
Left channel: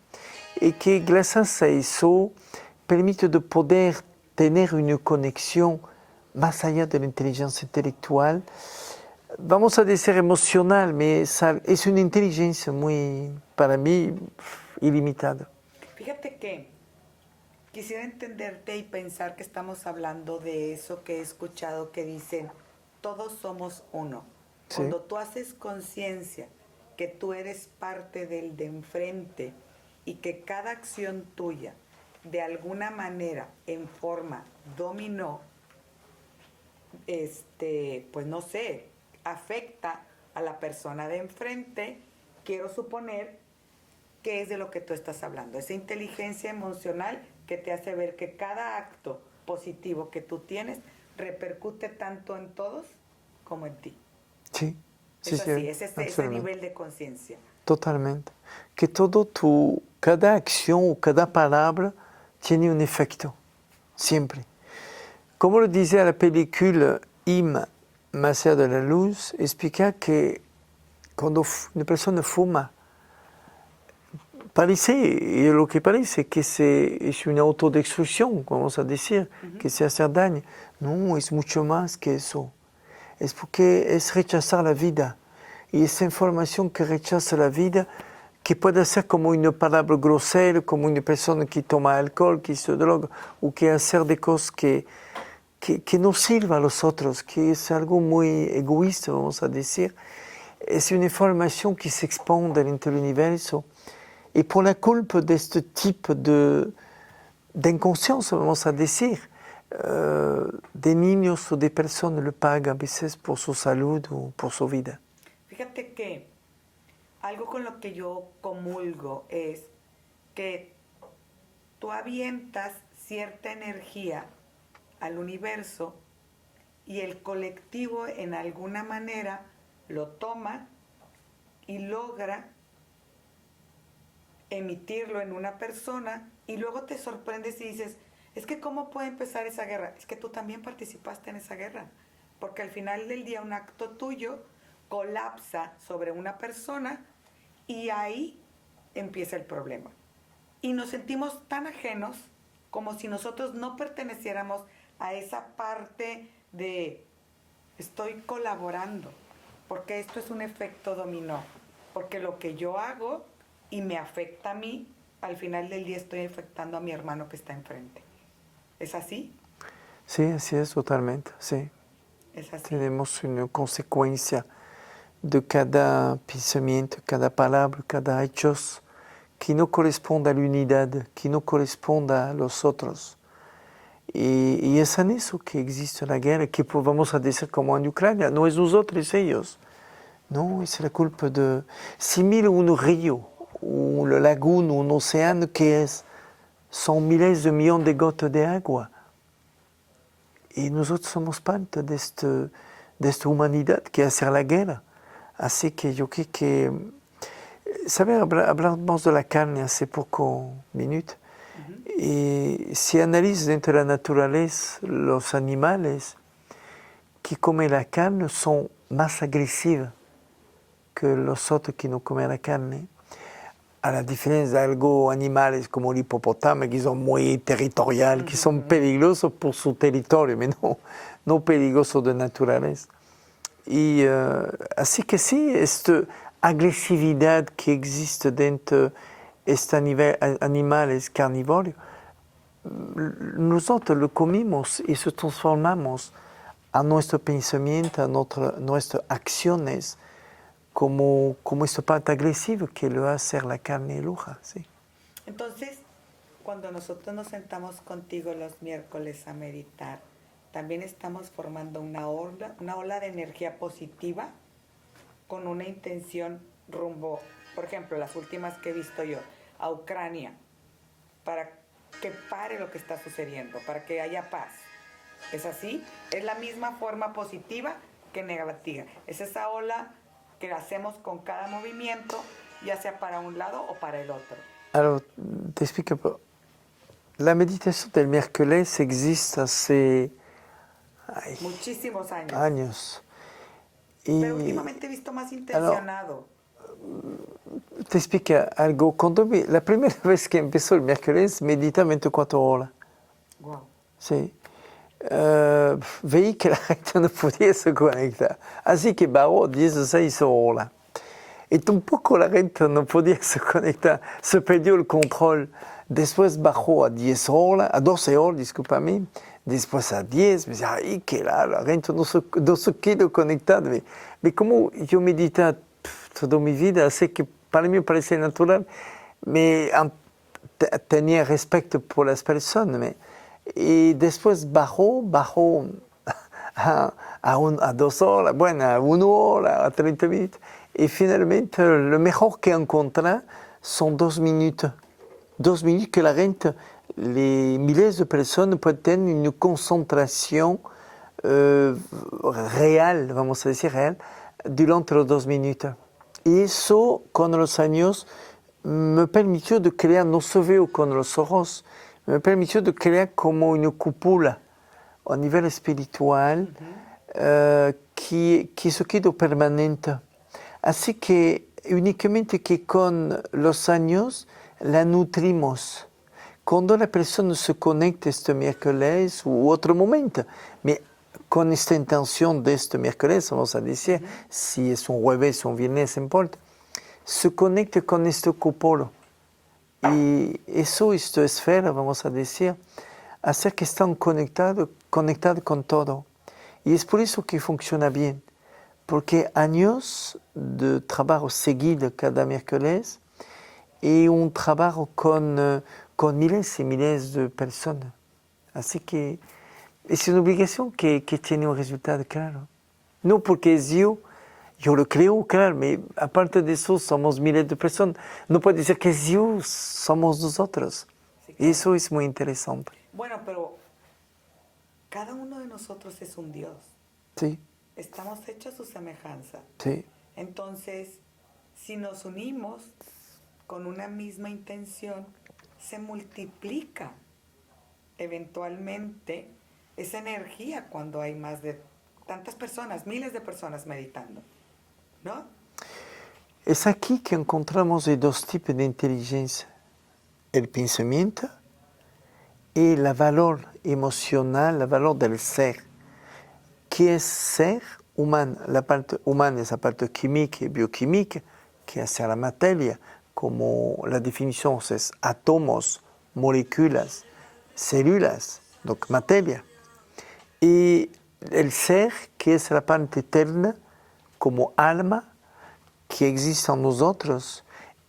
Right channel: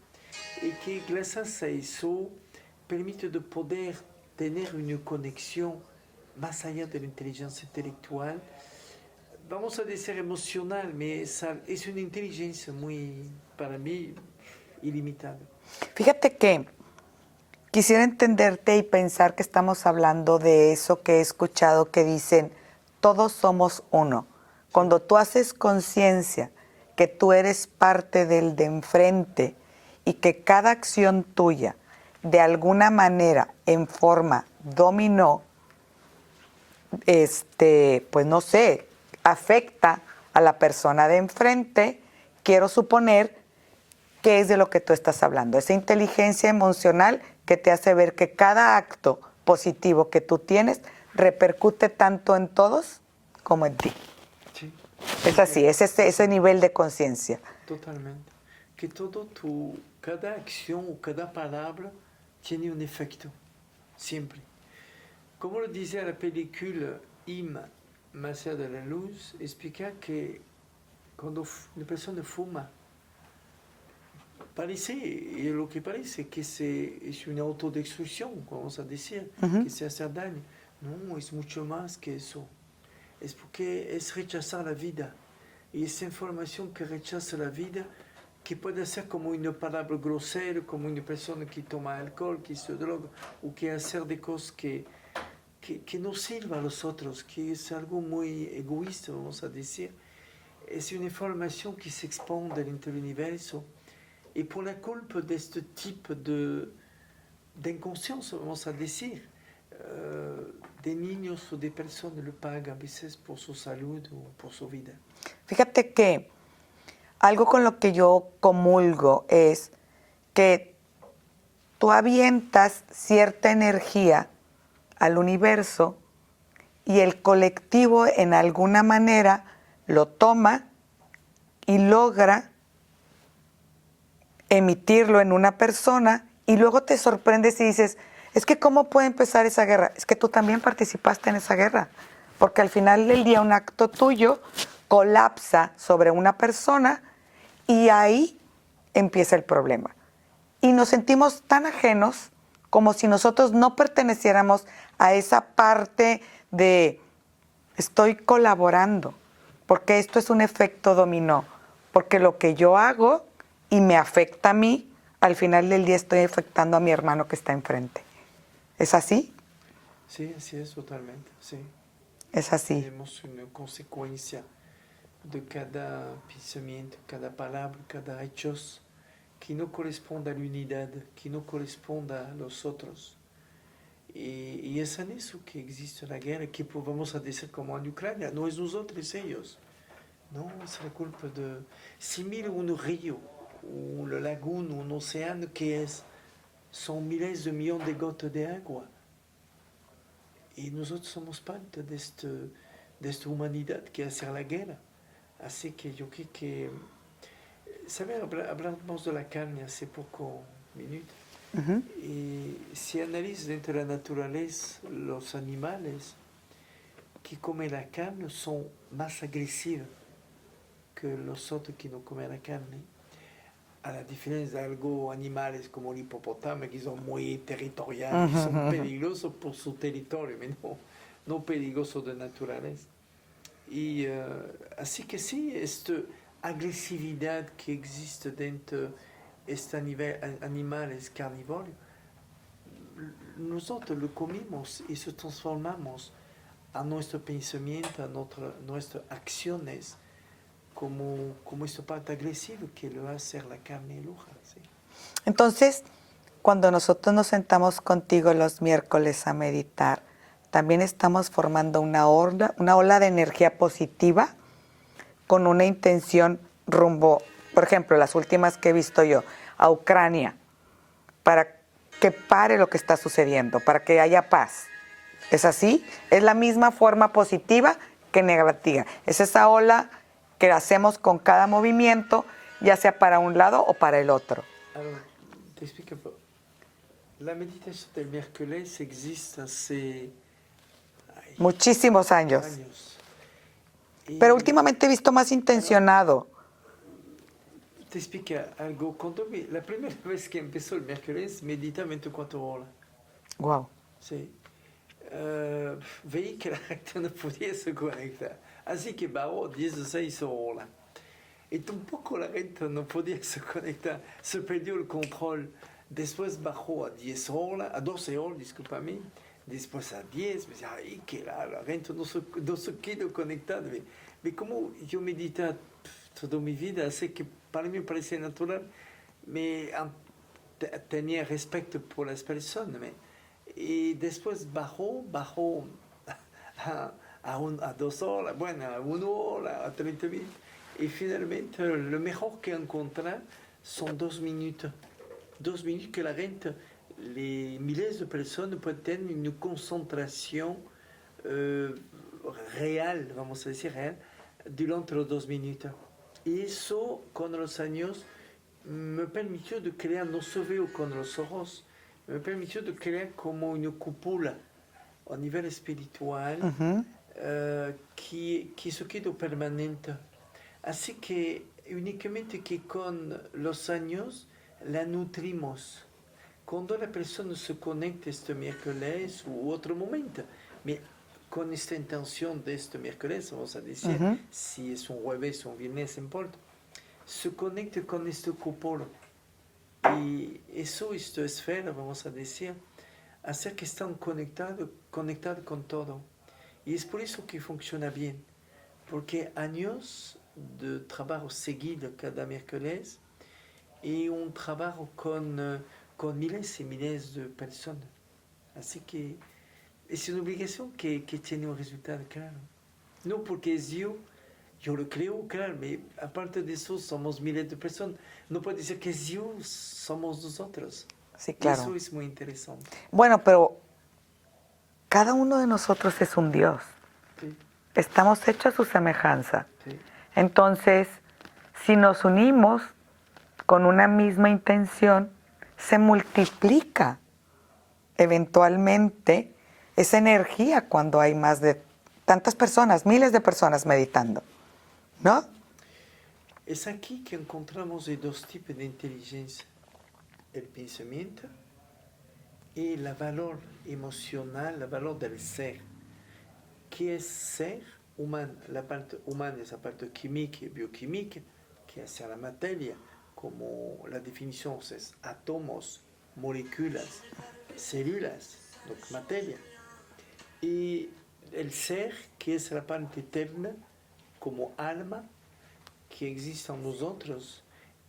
y que gracias a eso permite de poder tener una conexión más allá de la inteligencia intelectual, vamos a decir emocional, es una inteligencia muy, para mí, ilimitada. Fíjate que quisiera entenderte y pensar que estamos hablando de eso que he escuchado que dicen, todos somos uno. Sí. Cuando tú haces conciencia que tú eres parte del de enfrente y que cada acción tuya, de alguna manera, en forma dominó, pues no sé, afecta a la persona de enfrente, quiero suponer que es de lo que tú estás hablando, esa inteligencia emocional que te hace ver que cada acto positivo que tú tienes repercute tanto en todos como en ti. Sí. Es así, es ese nivel de conciencia. Totalmente. Que cada acción o cada palabra tiene un efecto, siempre. Como lo dice la película Im, más allá de la luz, explica que cuando una persona fuma, parece, y lo que parece, que es una autodestrucción, vamos a decir, que se hace daño. No, es mucho más que eso. Es porque es rechazar la vida. Y esa información que rechaza la vida, que puede ser como una palabra grosera, como una persona que toma alcohol, que se droga, o que hacer de cosas que no sirva a los otros, que es algo muy egoísta, vamos a decir. Es una información que se expande dentro del universo. Y por la culpa de este tipo de inconsciencia, vamos a decir, de niños o de personas lo pagan a veces por su salud o por su vida. Fíjate que algo con lo que yo comulgo es que tú avientas cierta energía al universo y el colectivo en alguna manera lo toma y logra emitirlo en una persona y luego te sorprendes y dices, es que ¿cómo puede empezar esa guerra? Es que tú también participaste en esa guerra, porque al final del día un acto tuyo colapsa sobre una persona y ahí empieza el problema. Y nos sentimos tan ajenos como si nosotros no perteneciéramos a esa parte de estoy colaborando, porque esto es un efecto dominó, porque lo que yo hago y me afecta a mí, al final del día estoy afectando a mi hermano que está enfrente. ¿Es así? Sí, así es totalmente, sí. Es así. Tenemos una consecuencia de cada pensamiento, cada palabra, cada hecho que no corresponde a la unidad, que no corresponde a los otros. Y es en eso que existe la guerra, que vamos a decir como en Ucrania, no es nosotros, es ellos. No, es la culpa de... Si mira un río, una laguna, un océano, ¿qué es? Son miles de millones de gotas de agua. y nosotros somos parte de esta humanidad que hace la guerra. Así que yo creo que, ¿sabes? Hablamos de la carne hace pocos minutos. Y si analizas dentro de la naturaleza, los animales que comen la carne son más agresivos que los otros que no comen la carne. A la diferencia de algunos animales como el hipopótamo, que son muy territoriales, que son peligrosos por su territorio, pero no peligrosos de naturaleza. Y así que sí, esta agresividad que existe dentro de estos animales carnívoros, nosotros lo comemos y se transformamos a nuestro pensamiento, a nuestras acciones, como esta parte agresiva que lo hace la carne roja. ¿Sí? Entonces, cuando nosotros nos sentamos contigo los miércoles a meditar, también estamos formando una ola de energía positiva con una intención rumbo, por ejemplo, las últimas que he visto yo, a Ucrania, para que pare lo que está sucediendo, para que haya paz. ¿Es así? Es la misma forma positiva que negativa. Es esa ola que hacemos con cada movimiento, ya sea para un lado o para el otro. Alors, te explico. La meditación del miércoles existe hace muchísimos años. Pero últimamente he visto más intencionado. Te explico algo. La primera vez que empezó el miércoles, medita 24 horas. Wow. Sí. Veí que la gente no podía se conectar. Así que bajó 16 horas. Y tampoco la gente no podía se conectar. Se perdió el control. Después bajó a 10 horas, a 12 horas, discúlpame. Después a 10. Me decía, ay, que la gente no se quiere conectar. Pero como yo medité toda mi vida, así que para mí me parecía natural. Tenía respeto por las personas. Y después bajó a 2 horas, bueno, a 1 hora, a 30 minutos. Y finalmente lo mejor que encontré son 2 minutos. 2 minutos que la gente, miles de personas pueden tener una concentración real, vamos a decir real, durante los 2 minutos. Y eso con los años me permitió de crear, no se veo con los ojos, me permitió de crear como una cúpula a nivel espiritual que se quedó permanente. Así que únicamente que con los años la nutrimos. Cuando la persona se conecta este miércoles u otro momento, con esta intención de este miércoles, vamos a decir, si es un jueves o un viernes, no importa, se conecta con este cúpulo. Y eso, esta esfera, vamos a decir, hace que están conectados con todo. Y es por eso que funciona bien, porque años de trabajo seguido cada miércoles y un trabajo con miles y miles de personas. Así que es una obligación que tiene un resultado claro. No porque es yo lo creo, claro, pero aparte de eso somos miles de personas. No puede decir que es yo, somos nosotros. Sí, claro. Eso es muy interesante. Bueno, pero cada uno de nosotros es un Dios. Sí. Estamos hechos a su semejanza. Sí. Entonces, si nos unimos con una misma intención, se multiplica eventualmente esa energía cuando hay más de tantas personas, miles de personas meditando, ¿no? Es aquí que encontramos los 2 tipos de inteligencia, el pensamiento y el valor emocional, el valor del ser. ¿Qué es ser humano? La parte humana es la parte química y bioquímica, que hace la materia, como la definición es átomos, moléculas, células, donc materia. Y el ser, que es la parte eterna, como alma, que existe en nosotros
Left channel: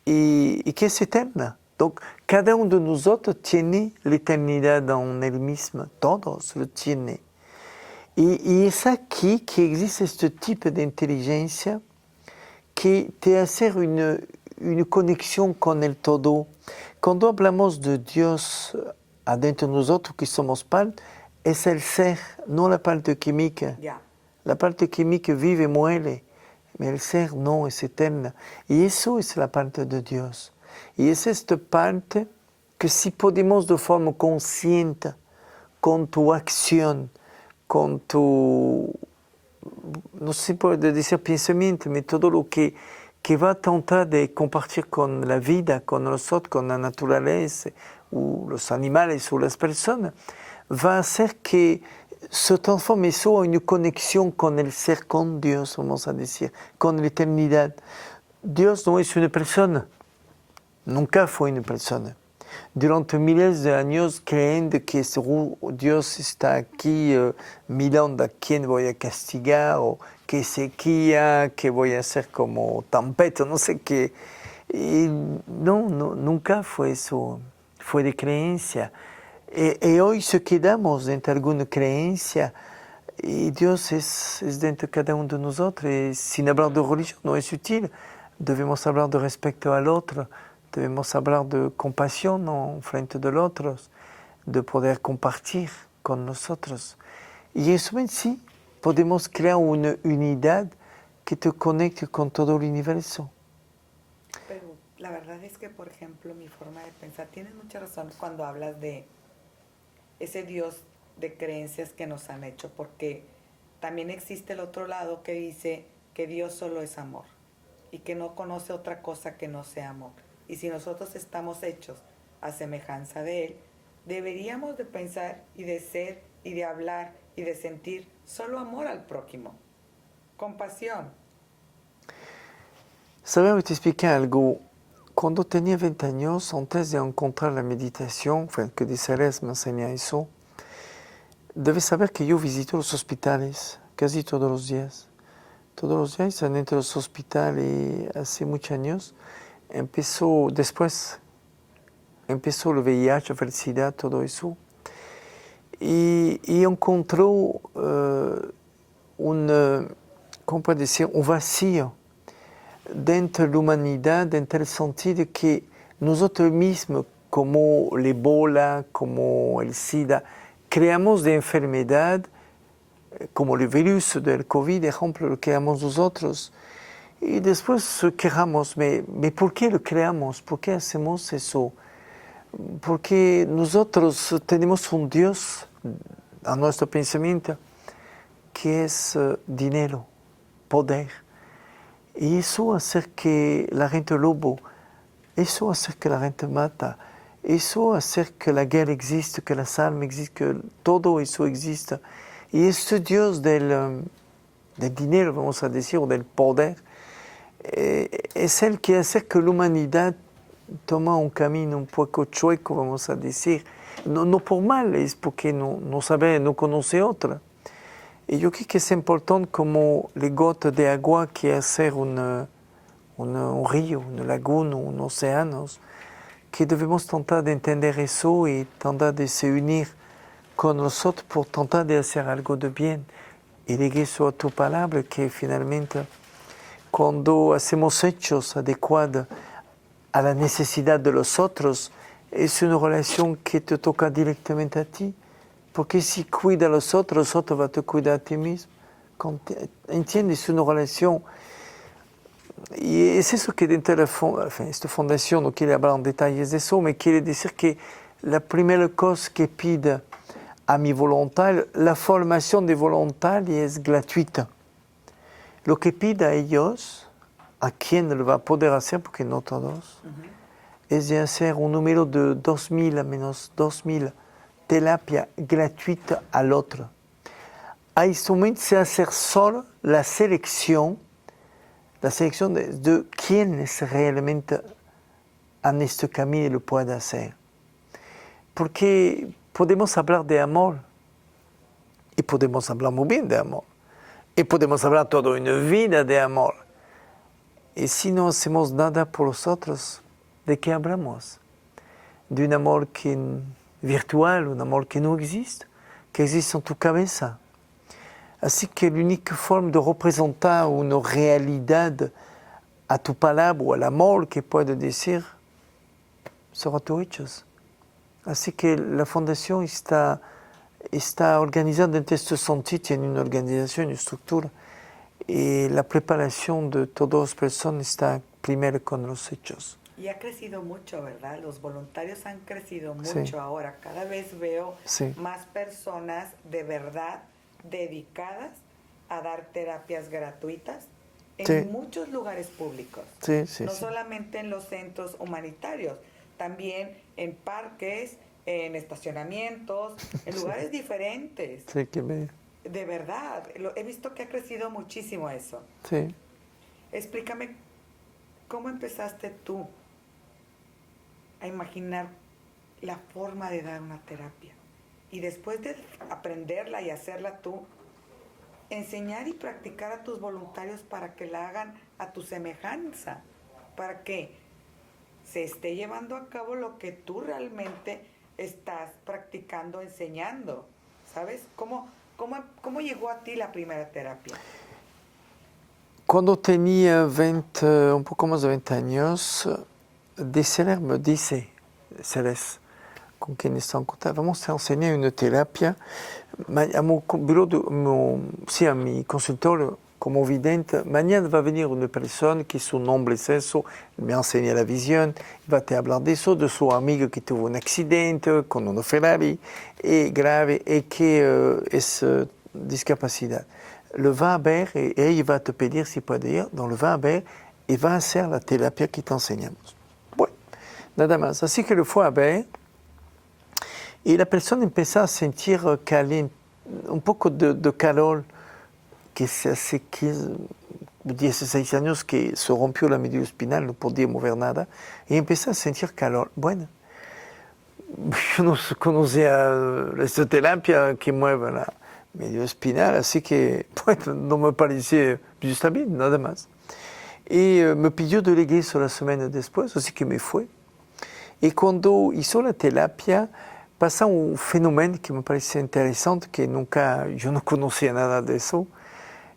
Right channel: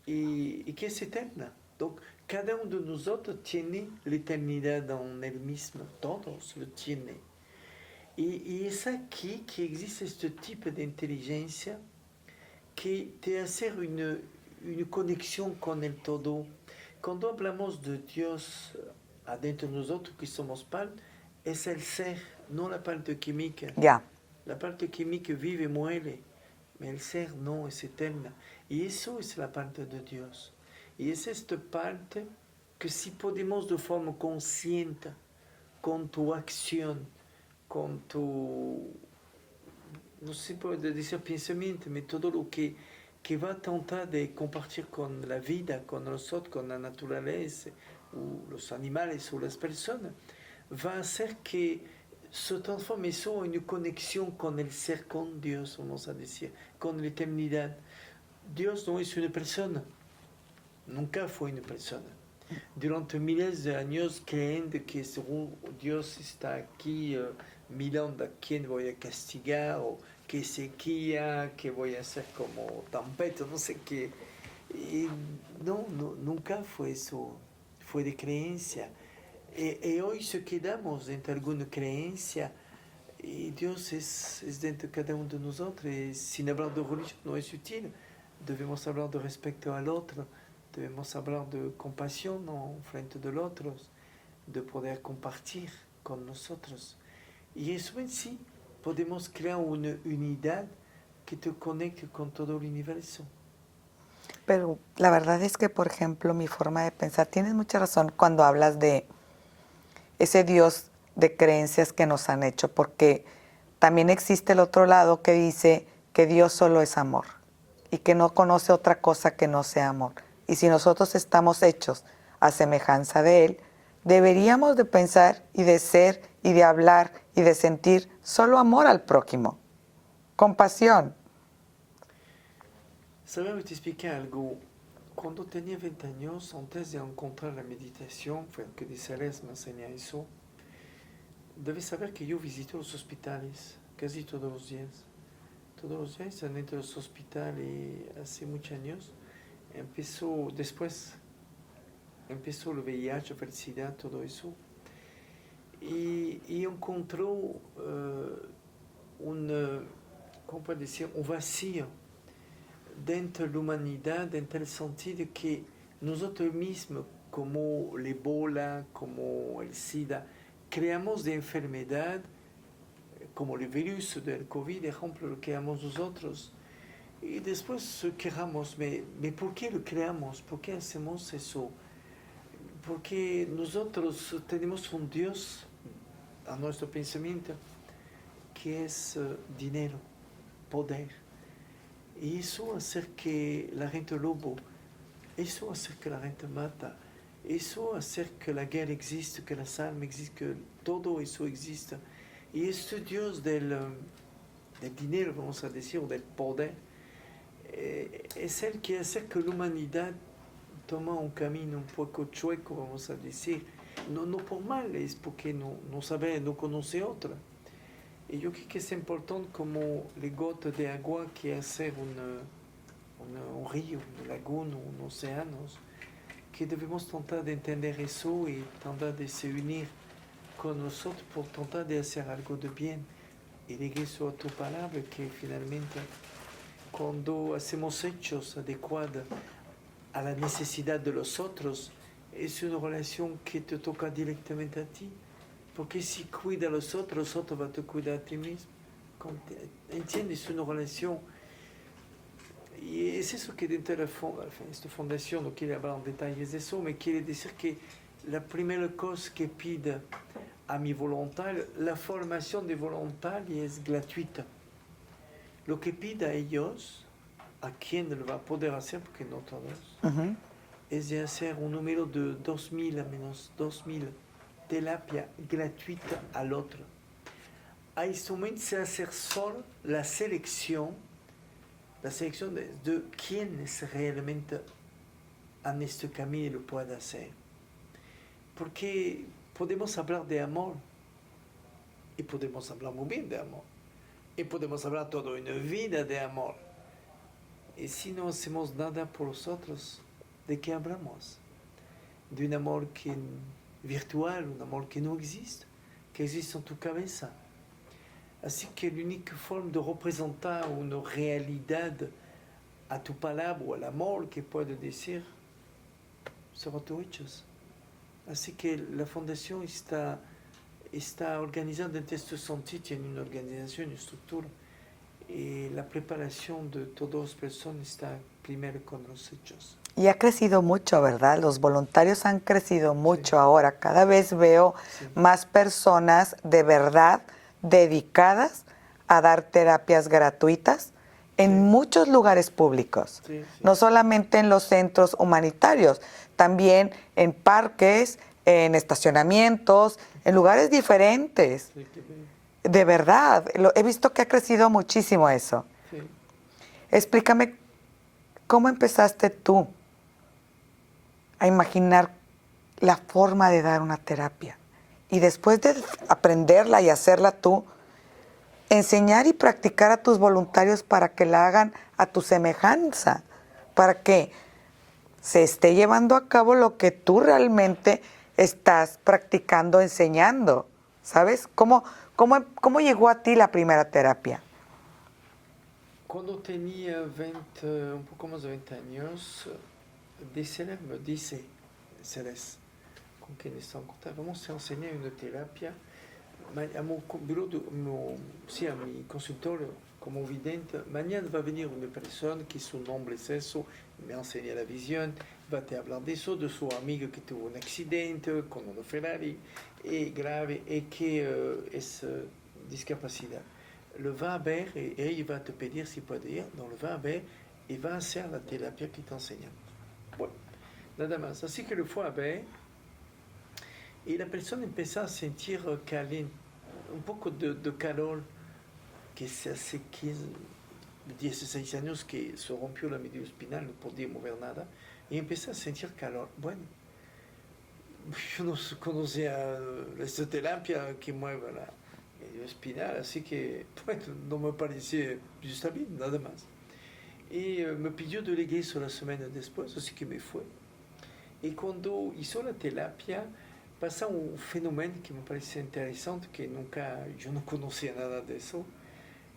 y que es eterna. Donc, cada uno de nosotros tiene la eternidad en él mismo, todos lo tienen. Y es aquí que existe este tipo de inteligencia que te hace una conexión con el todo. Cuando hablamos de Dios adentro de nosotros, que somos parte, es el ser, no la parte química. Ya. La parte química vive y muere, pero el ser no, es eterna. Y eso es la parte de Dios. Y es esta parte que si podemos de forma consciente, con tu acción, con tu, no sé si puede decir pensamiento, pero todo lo que va a tratar de compartir con la vida, con nosotros, con la naturaleza, o los animales o las personas, va a hacer que se transforme eso en una conexión con el ser, con Dios, vamos a decir, con la eternidad. Dios no es una persona, nunca fue una persona. Durante miles de años creyendo que Dios está aquí mirando a quién voy a castigar, o qué sequía, que voy a hacer como tempestad, no sé qué. Y no, nunca fue eso, fue de creencia. Y hoy se quedamos dentro de alguna creencia y Dios es dentro de cada uno de nosotros. Y sin hablar de religión no es útil, debemos hablar de respeto al otro, debemos hablar de compasión en frente del otro, de poder compartir con nosotros. Y eso en sí, podemos crear una unidad que te conecte con todo el universo. Pero la verdad es que, por ejemplo, mi forma de pensar, tienes mucha razón cuando hablas de ese Dios de creencias que nos han hecho, porque también existe el otro lado que dice que Dios solo es amor y que no conoce otra cosa que no sea amor. Y si nosotros estamos hechos a semejanza de Él, deberíamos de pensar y de ser y de hablar y de sentir solo amor al prójimo, compasión. Sabes, te expliqué algo. Cuando tenía 20 años, antes de encontrar la meditación, que de Ceres me enseña eso, debes saber que yo visito los hospitales casi todos los días. Todos los días están dentro de los hospitales hace muchos años. Después empezó el VIH, la felicidad, todo eso. Y encontró ¿cómo puedo decir? Un vacío dentro de la humanidad, dentro del sentido que nosotros mismos, como el ébola, como el SIDA, creamos de enfermedad, como el virus del COVID, por ejemplo, lo creamos nosotros. Y después quejamos, ¿por qué lo creamos? ¿Por qué hacemos eso? Porque nosotros tenemos un Dios a nuestro pensamiento que es dinero, poder. Y eso hace que la gente lobo, eso hace que la gente mata, eso hace que la guerra existe, que las armas existan, que todo eso exista. Y este Dios del dinero, vamos a decir, o del poder, es el que hace que la humanidad toma un camino un poco chueco, vamos a decir. No por mal, es porque no sabe, no conoce otra. Y yo creo que es importante como las gotas de agua que hacer un río, una laguna, un océano, que debemos tratar de entender eso y tratar de se unir con nosotros por tratar de hacer algo de bien. Y regreso a tu palabra que finalmente cuando hacemos hechos adecuados a la necesidad de los otros, es una relación que te toca directamente a ti. Porque si cuida a los otros va a te cuidar a ti mismo. ¿Entiendes? Es una relación. Y es eso que dentro de esta fundación, no quiere hablar en detalles de eso, me quiere decir que la primera cosa que pide a mi voluntario, la formación de voluntarios es gratuita. Lo que pide a ellos, a quien lo va a poder hacer, porque no todos, es de hacer un número de 2.000 a menos 2.000 terapia gratuita al otro. A este momento se hace solo la selección de quienes realmente en este camino lo pueden hacer. Porque podemos hablar de amor, y podemos hablar muy bien de amor, y podemos hablar toda una vida de amor. Y si no hacemos nada por los otros, ¿de qué hablamos? De un amor virtual, un amor que no existe, que existe en tu cabeza. Así que la única forma de representar una realidad a tu palabra o al amor que puedes decir será tus hechos. Así que la fundación está está organizada en este sentido, tiene una organización, una estructura. Y la preparación de todas las personas está primero con los hechos. Y ha crecido mucho, ¿verdad? Los voluntarios han crecido mucho Sí. ahora. Cada vez veo Sí. más personas de verdad dedicadas a dar terapias gratuitas en Sí. muchos lugares públicos. Sí, sí, No sí. solamente en los centros humanitarios, también en parques, en estacionamientos, en lugares diferentes. Sí, que me- De verdad, he visto que ha crecido muchísimo eso. sí. Explícame, ¿cómo empezaste tú a imaginar la forma de dar una terapia? Y después de aprenderla y hacerla tú, enseñar y practicar a tus voluntarios para que la hagan a tu semejanza, para que se esté llevando a cabo lo que tú realmente estás practicando, enseñando. ¿Sabes? ¿Cómo llegó a ti la primera terapia? Cuando tenía 20, un poco más de 20 años, Deseler me dice, Ceres, con quien está en contacto, vamos a enseñar una terapia a mi bureau, sí, a mi consultorio como vidente. Mañana va a venir una persona que su nombre es eso, me enseña la visión, va a te hablar de eso, de su amigo que tuvo un accidente con una Ferrari grave y que es discapacidad. Le va a ver y ella va a te pedir si puede ir, donc le va a ver y va a hacer la terapia que te enseñamos. Bueno, nada más. Así que le fue a ver y la persona empezó a sentir un poco de calor, que hace 16 años que se rompió la médula espinal, no podía mover nada, y empezó a sentir calor. Bueno, yo no conocía esta terapia que mueve la médula espinal, así que bueno, no me parecía justo bien, nada más. Y me pidió de regreso la semana después, así que me fue. Y cuando hizo la terapia, pasa un fenómeno que me parece interesante, que nunca, yo no conocía nada de eso,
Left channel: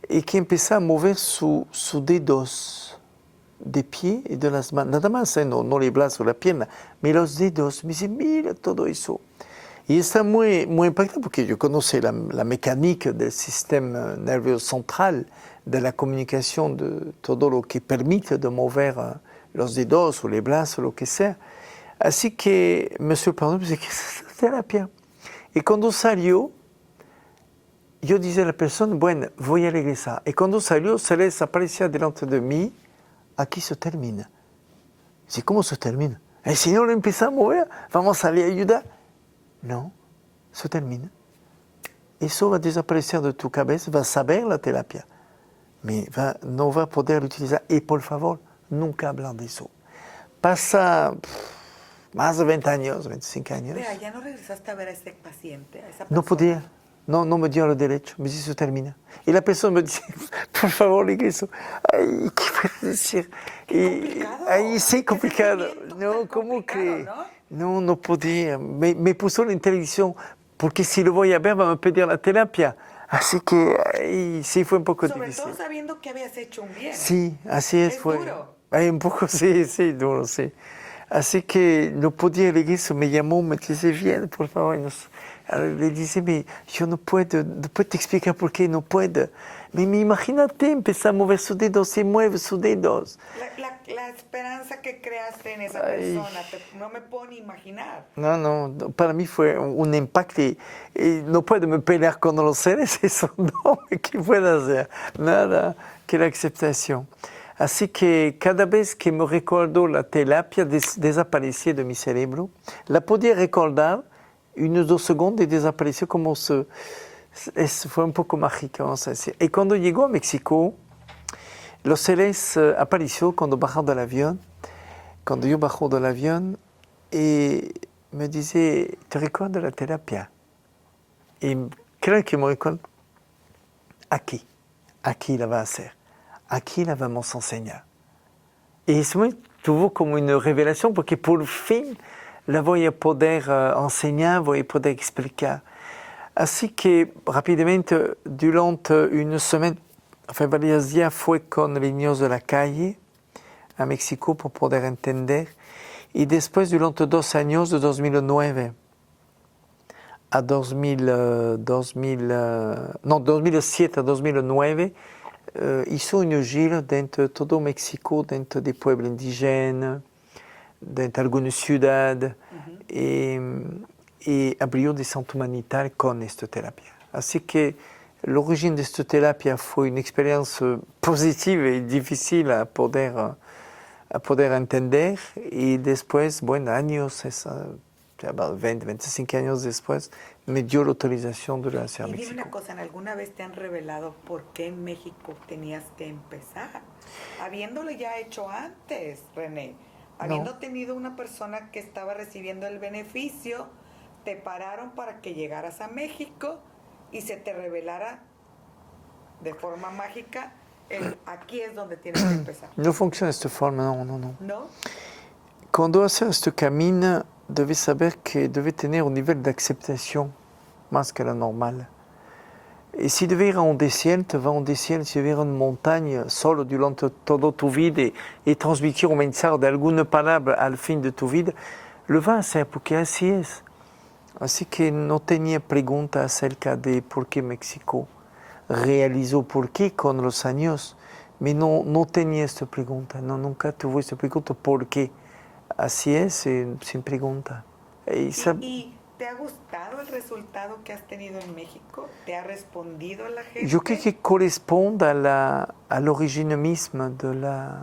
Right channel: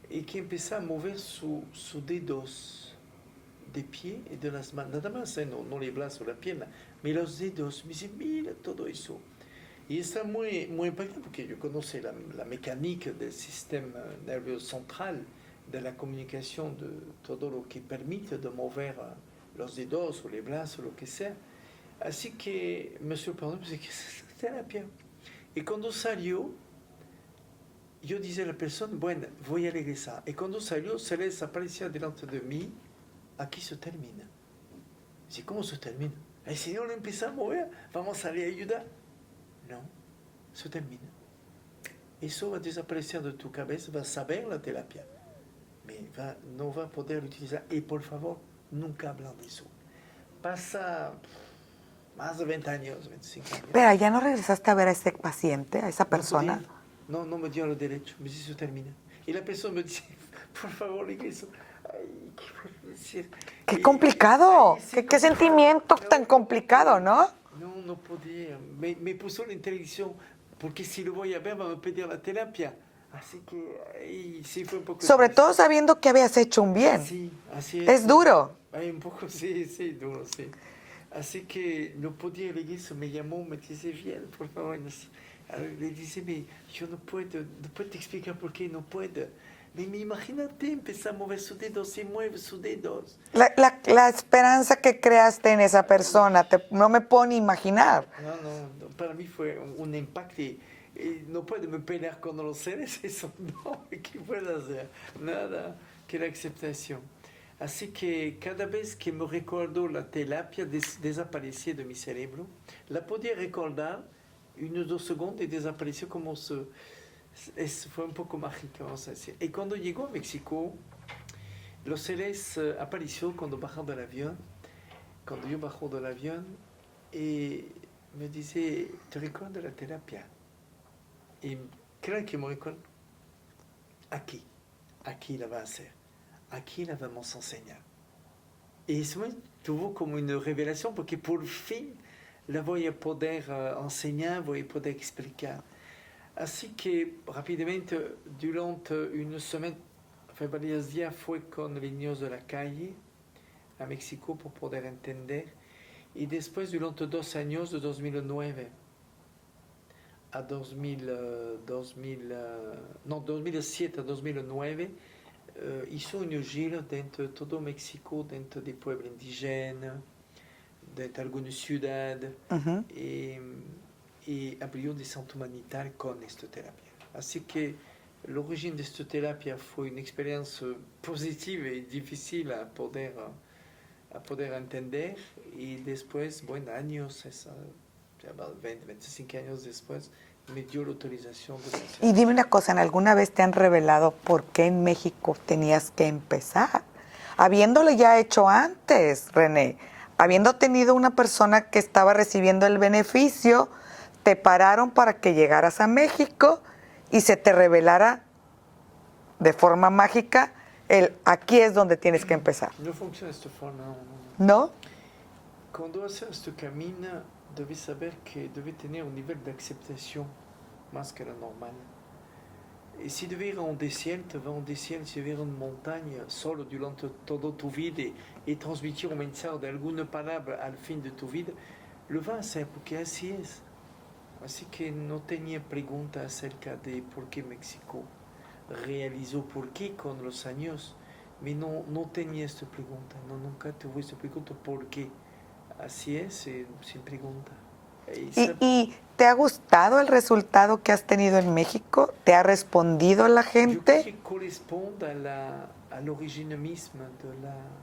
y que empezó a mover sus dedos de pie y de las manos, nada más, no los brazos o la pierna, pero los dedos. Me dice, mira todo eso. Y está muy, muy impactante porque yo conozco la mecánica del sistema nervioso central, de la comunicación, de todo lo que permite de mover los dedos o los brazos, lo que sea. Así que me sorprendió, pensé, ¿qué es esta terapia? Y cuando salió, yo dije a la persona, bueno, voy a regresar. Y cuando salió, se les aparecía delante de mí, aquí se termina. Dice, ¿cómo se termina? El Señor empieza a mover, vamos a salir a ayudar. No, se termina. Eso va a desaparecer de tu cabeza, va a saber la terapia, pero no va a poder utilizar. Y por favor, nunca hablar de eso. Pasa más de 20 años, 25 años. Vea, ¿ya no regresaste a ver a ese paciente, a esa No persona? podía, no me dio el derecho, me dice, se termina. Y la persona me dice, por favor, regreso. Ay, ¿qué puedo decir? ¡Qué complicado! Ay, sí, ¿Qué complicado. sentimiento No, tan ¿cómo complicado, que? no? No podía. Me puso en televisión, porque si lo voy a ver, va a me pedir la terapia. Así que, ay, sí, fue un poco Sobre difícil. todo sabiendo que habías hecho un bien. Sí, así es. Es duro. Ay, un poco, sí, duro, sí. Así que no podía regresar, me llamó, me dice, bien, por favor. Le dice, yo no puedo te explicar por qué no puedo. Imagínate, empezar a mover sus dedos, se mueve sus dedos. La esperanza que creaste en esa persona, no me puedo ni imaginar. No, para mí fue un impacto y no puedo me pelear con los seres, eso no, ¿qué puedo hacer? Nada que la aceptación. Así que cada vez que me recuerdo la terapia desaparecía de mi cerebro, la podía recordar unos 2 segundos y desapareció como fue un poco mágico, vamos a decir. Y cuando llegó a México, los seres apareció cuando bajó del avión. Cuando yo bajo del avión, y me dice, ¿te recuerdas la terapia? Y creo que me recuerdo, aquí la va a hacer, aquí la vamos a enseñar. Y eso tuvo como una revelación, porque por fin la voy a poder enseñar, voy a poder explicar. Así que rápidamente, durante una semana, varios días, fue con los niños de la calle a México para poder entender. Y después, durante 2 años, de 2009 a 2007 a 2009 hizo una gira dentro de todo México, dentro de pueblos indígenas, dentro de algunas ciudades, y abrió de centro humanitario con esta terapia. Así que el origen de esta terapia fue una experiencia positiva y difícil a poder entender, y después, bueno, años, 20, 25 años después, me dio la autorización de la hacer. Y dime una cosa, ¿en alguna vez te han revelado por qué en México tenías que empezar? Habiéndole ya hecho antes, René, habiendo tenido una persona que estaba recibiendo el beneficio, te pararon para que llegaras a México y se te revelara de forma mágica aquí es donde tienes que empezar. No funciona de esta forma, no, no, no. ¿No? Cuando haces este camino, debes saber que debes tener un nivel de aceptación más que la normal. Y si debes ir a un desierto, va a un desierto. Si debes ir a una montaña solo durante toda tu vida y transmitir un mensaje de alguna palabra al fin de tu vida, lo vas a hacer porque así es. Así que no tenía preguntas acerca de por qué México realizó, por qué con los años, pero no tenía esta pregunta, no, nunca tuve esta pregunta, ¿por qué? Así es, sin pregunta. ¿Y te ha gustado el resultado que has tenido en México? ¿Te ha respondido la gente? Yo creo que corresponde al origen mismo de la...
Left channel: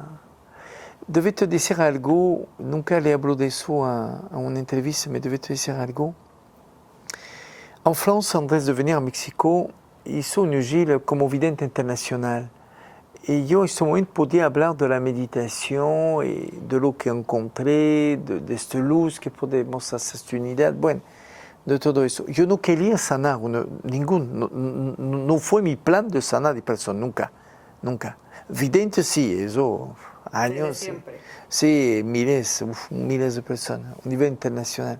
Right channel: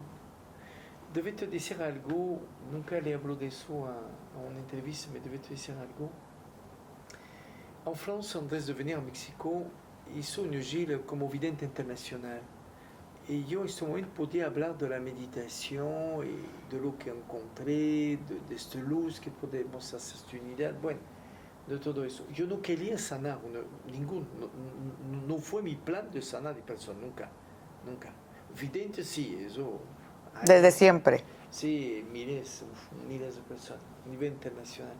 Debe te decir algo, nunca le hablo de eso a una entrevista, pero debe te decir algo. En France, antes de venir a México, hizo una gira como vidente internacional. Y yo en este momento podía hablar de la meditación y de lo que encontré, de esta luz que podemos hacer, esta unidad, bueno, de todo eso. Yo no quería sanar, no fue mi plan de sanar de personas, nunca, nunca. Vidente sí, eso. Años, desde siempre. Sí, miles de personas, a nivel internacional.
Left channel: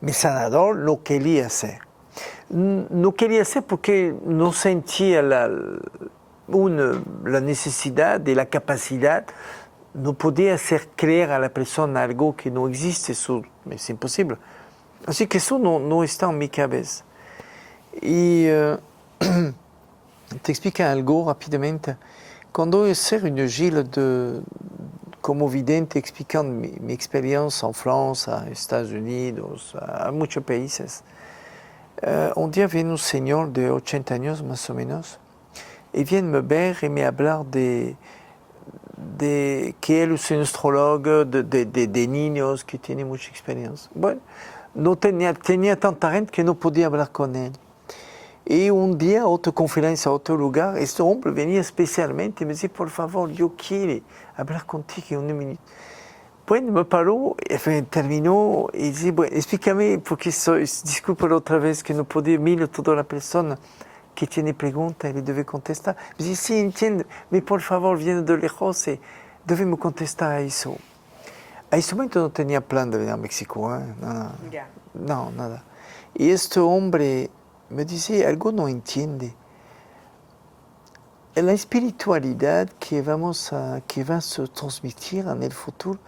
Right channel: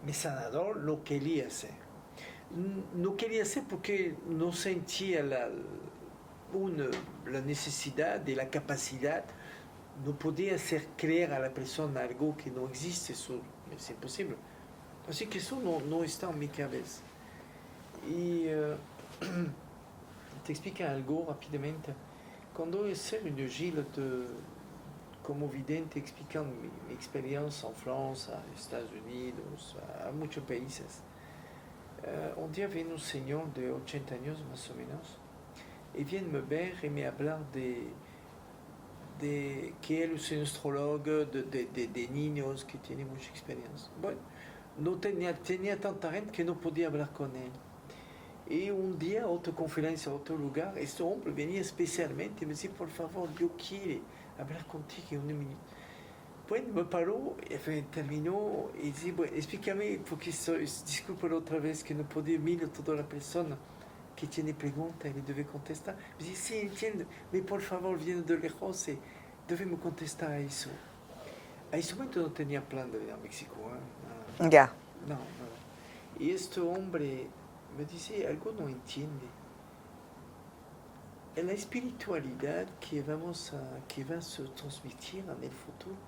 Mi sanador lo quería hacer. No quería hacer porque no sentía la necesidad y la capacidad. No podía hacer creer a la persona algo que no existe, eso es imposible. Así que eso no está en mi cabeza. Y te explico algo rápidamente. Cuando hice una gira como vidente explicando mi experiencia en Francia, en Estados Unidos, a muchos países, un día viene un señor de 80 años más o menos y viene me ver y me hablar de que él es un astrólogo de niños que tiene mucha experiencia. Bueno, no tenía tanta gente que no podía hablar con él. Y un día, otra conferencia, otro lugar, este hombre venía especialmente y me decía, por favor, yo quiero hablar contigo en un minuto. Bueno, me paró, terminó y dice, bueno, explícame, porque disculpa otra vez que no podía mirar toda la persona que tiene preguntas y le debe contestar. Me dice, sí, entiendo, pero por favor, viene de lejos y debemos contestar a eso. A ese momento no tenía plan de venir a México, ¿eh? No, Ya. No, nada. Y este hombre me dice, algo no entiende. La espiritualidad que va a se transmitir en el futuro,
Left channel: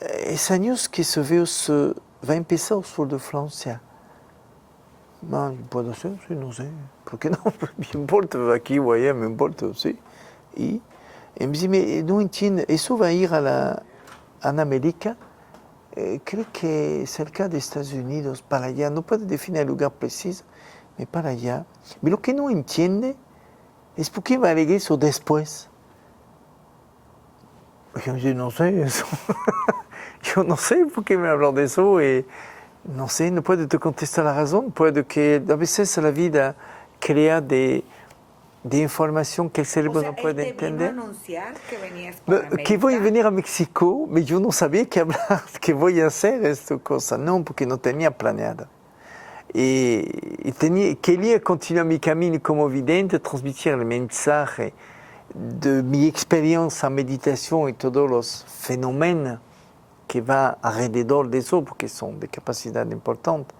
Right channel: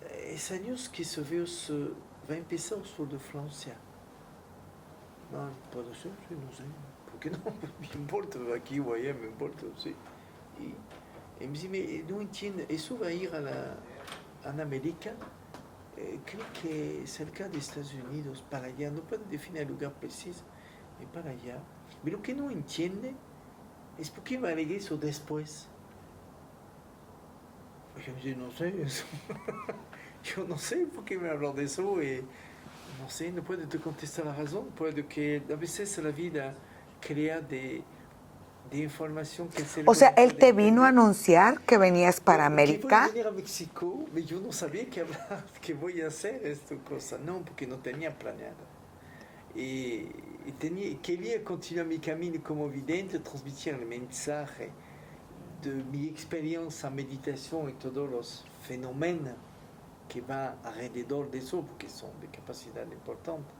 es años que va a empezar al sur de Francia. No, puede ser, sí, no sé. ¿Por qué no? Me importa, aquí o allá, me importa, sí. Y me dice, no entiende, eso va a ir a América, creo que cerca de Estados Unidos, para allá, no puede definir el lugar preciso, pero para allá. Pero lo que no entiende es por qué va a regresar después. Yo no sé eso. Yo no sé por qué me hablan de eso y no sé, no puedo te contestar la razón. Puede que a veces la vida crea de información que el cerebro O sea, no puede él te entender. vino a anunciar que venías para América. Que voy a venir a México, pero yo no sabía que voy a hacer esta cosa. No, porque no tenía planeado. Y quería continuar mi camino como vidente, transmitir el mensaje de mi experiencia en meditación y todos los fenómenos que van alrededor de eso, porque son de capacidad importante.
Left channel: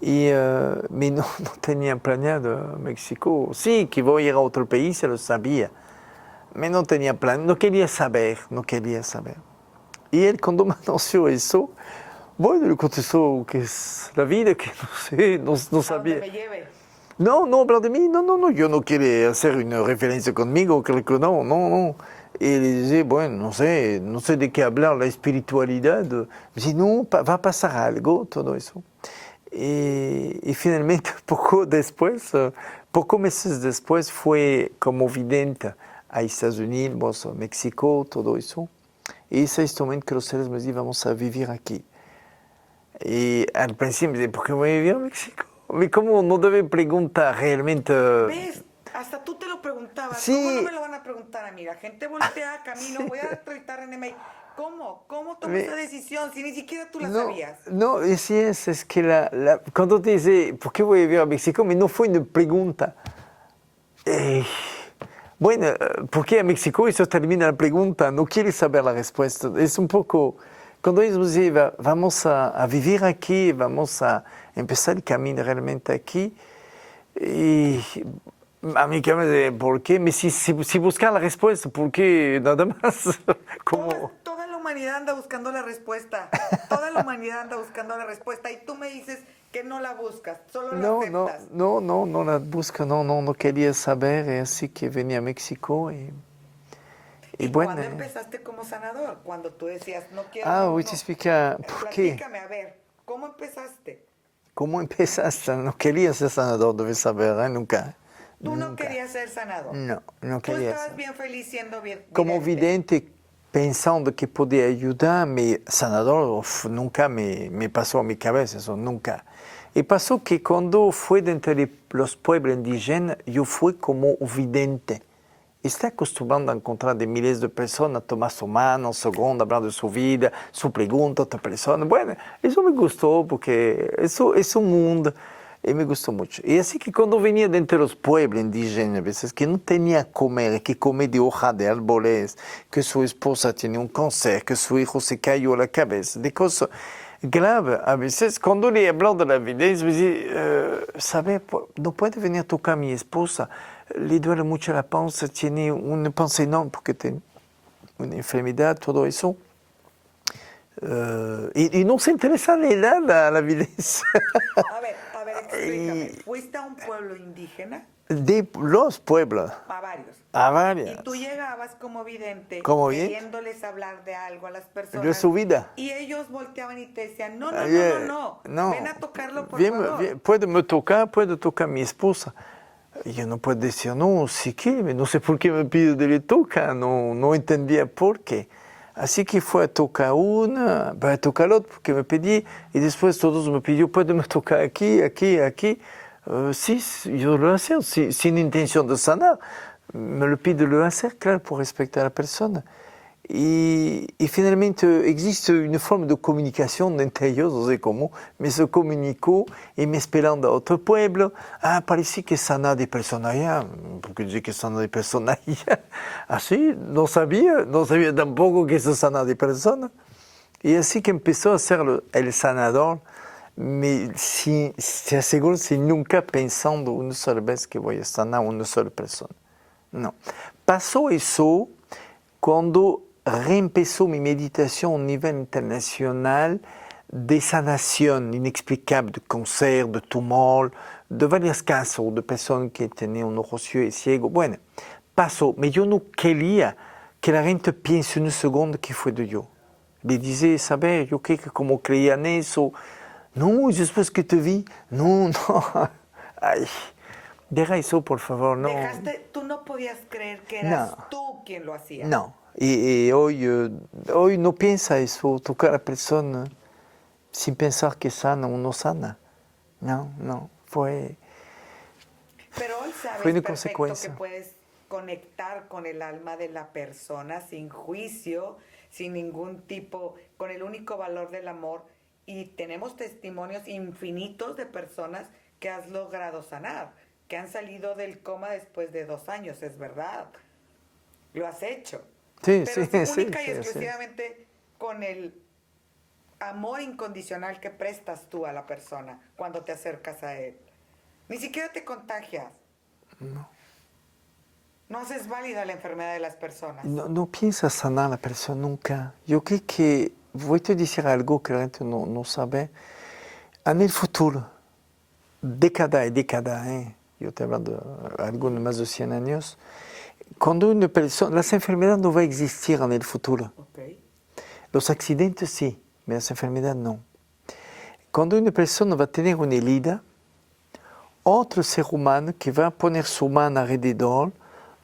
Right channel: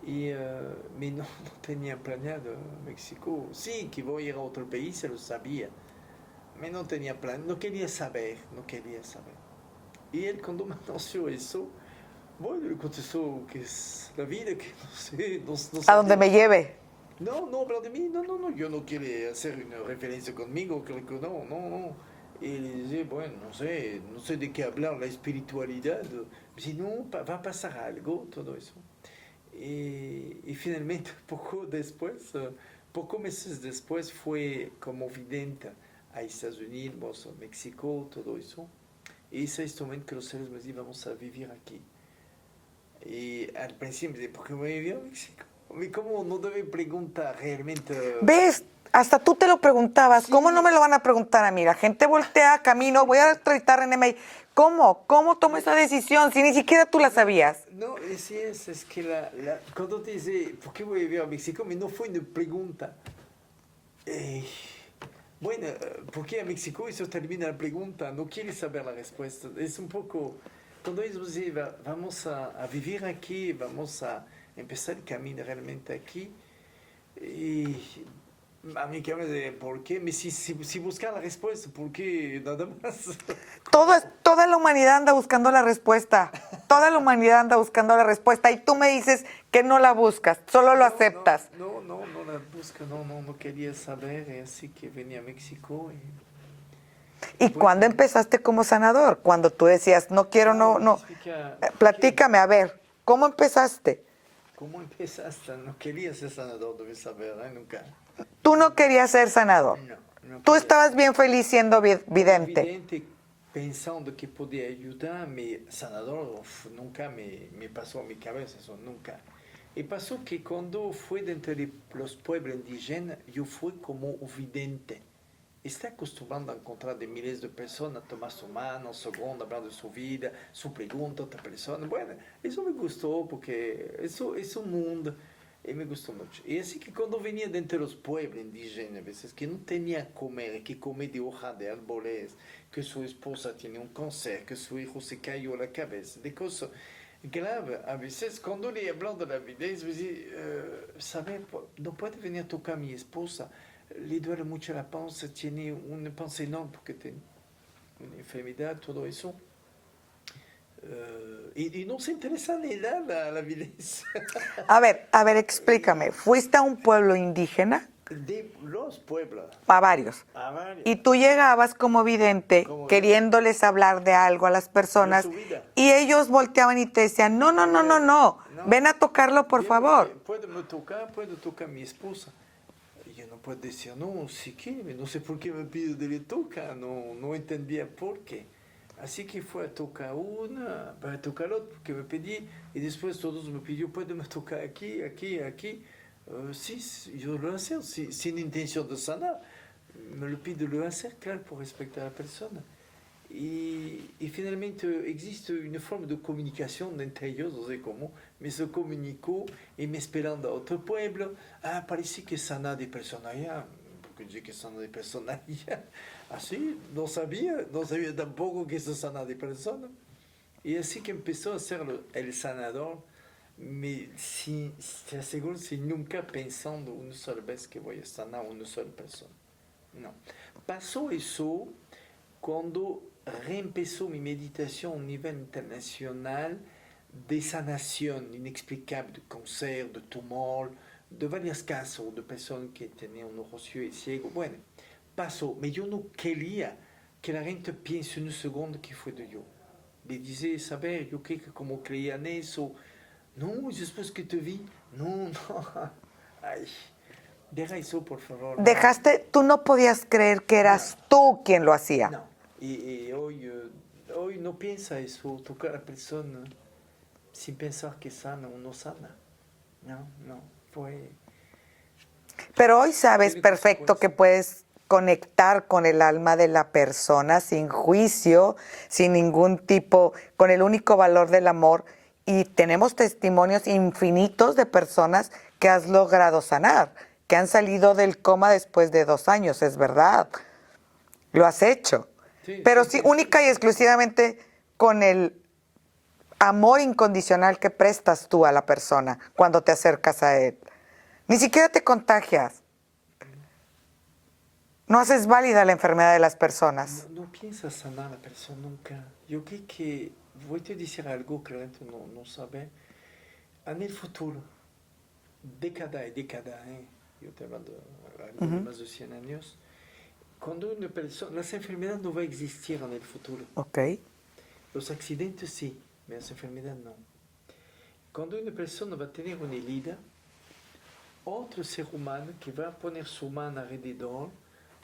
Pero no tenía planeado México. Sí, que voy a ir a otro país, lo sabía. Pero no tenía plan, no quería saber. Y él, cuando me anunció eso, Bueno, le contestó que es la vida, que no sé, no A sabía. donde me lleve. No hablar de mí, no, yo no quiero hacer una referencia conmigo, creo que no. Y le dije, bueno, no sé de qué hablar, la espiritualidad. Me dice, no, va a pasar algo, todo eso. Y finalmente, pocos meses después, fue como vidente a Estados Unidos, a México, todo eso. Y ese es el momento que los seres me dicen, vamos a vivir aquí. Y al principio me dije, ¿por qué voy a vivir a México? ¿Cómo no debe preguntar realmente? ¿Ves? Hasta tú te lo preguntabas. Sí. ¿Cómo no me lo van a preguntar a mí? La gente voltea, camino, voy a entrevistar a René May. ¿Cómo? ¿Cómo tomó esa decisión si ni siquiera tú la sabías? No, así es que cuando te dice, ¿por qué voy a vivir a México? Me no fue una pregunta. Bueno, ¿por qué a México? Eso termina la pregunta, no quieres saber la respuesta. Es un poco, cuando ellos me dicen, vamos a vivir aquí, vamos a empezar el camino realmente aquí, y a mí que me dice, ¿por qué? Si buscar la respuesta, ¿por qué nada más? Toda la humanidad anda buscando la respuesta. Toda la humanidad anda buscando la respuesta. Y tú me dices que no la buscas, solo lo aceptas. No la busco, no quería saber, así que venía a México ¿Y bueno, cuándo empezaste como sanador? Cuando tú decías, no quiero, voy a explicar por qué. Platícame, a ver, ¿cómo empezaste? ¿Cómo empezaste? No quería ser sanador, debes saber, nunca. Tú no querías ser sanador. No Tú quería estabas ser. bien feliz siendo vidente. Como vidente, pensando que podía ayudarme, sanador, nunca me pasó a mi cabeza, eso nunca. Y pasó que cuando fui de entre los pueblos indígenas, yo fui como vidente. Está acostumbrado a encontrar de miles de personas, tomar su mano, segundo, hablar de su vida, su pregunta a otra persona. Bueno, eso me gustó porque eso es un mundo y me gustó mucho. Y así que cuando venía de entre los pueblos indígenas, a veces que no tenía que comer de hoja de árboles, que su esposa tenía un cáncer, que su hijo se cayó a la cabeza, de cosas graves. A veces cuando le hablaba de la vida, me decía, ¿sabe? No puede venir a tocar a mi esposa. Le duele mucho la panza, tiene una panza enorme porque tiene una enfermedad, todo eso. Y no se interesa en nada a la evidencia. A ver, explícame. ¿Fuiste a un pueblo indígena? De los pueblos. A varios. A varios. Y tú llegabas como vidente, queriéndoles hablar de algo a las personas. De su vida. Y ellos volteaban y te decían, no. Ven a tocarlo, por favor. Puede tocar a mi esposa. Yo no puedo decir, no, si quiere, no sé por qué me pide de le tocar, no entendía por qué. Así que fue a tocar una, para tocar otra, porque me pedí, y después todos me pidieron, ¿puede me tocar aquí? Sí, yo lo hacía, sin intención de sanar. Me lo pide lo hacer, claro, por respetar a la persona. Y finalmente existe una forma de comunicación entre ellos, no sé cómo, me se comunicó y me esperando a otro pueblo. Parece que sana de persona allá, porque dice que sana de persona allá. Así, no sabía tampoco que se sana de persona. Y así que empezó a ser el sanador, se aseguro, sin nunca pensando una sola vez que voy a sanar a una sola persona. No. Pasó eso cuando reempezó mi meditación a nivel internacional de sanación inexplicable de cáncer, de tumor, de varios casos de personas que tenían un ojo ciego. Bueno, pasó, pero yo no quería que la gente piense un segundo que fue de yo. Le dije, ¿sabes? Yo creo que como creía en eso, no, después que te vi, no. Ay, deja eso, por favor. No. Tú no podías creer que eras tú quien lo hacía. No. Y hoy no piensa eso, tocar a la persona sin pensar que sana o no sana. No, fue... Pero hoy sabes una perfecto que consecuencia. puedes conectar con el alma de la persona sin juicio, sin ningún tipo, con el único valor del amor. Y tenemos testimonios infinitos de personas que has logrado sanar, que han salido del coma después de 2 años, es verdad. Lo has hecho. Sí, Pero sí, única y sí. exclusivamente con el amor incondicional que prestas tú a la persona cuando te acercas a él. Ni siquiera te contagias. No haces válida la enfermedad de las personas. No piensa sanar a la persona nunca. Yo creo que voy a decir algo que la gente no sabe. En el futuro, década y década, yo estoy hablando de algo de más de 100 años, cuando una persona, las enfermedades no van a existir en el futuro. Ok. Los accidentes sí, pero las enfermedades no. Cuando una persona va a tener una herida, otro ser humano que va a poner su mano alrededor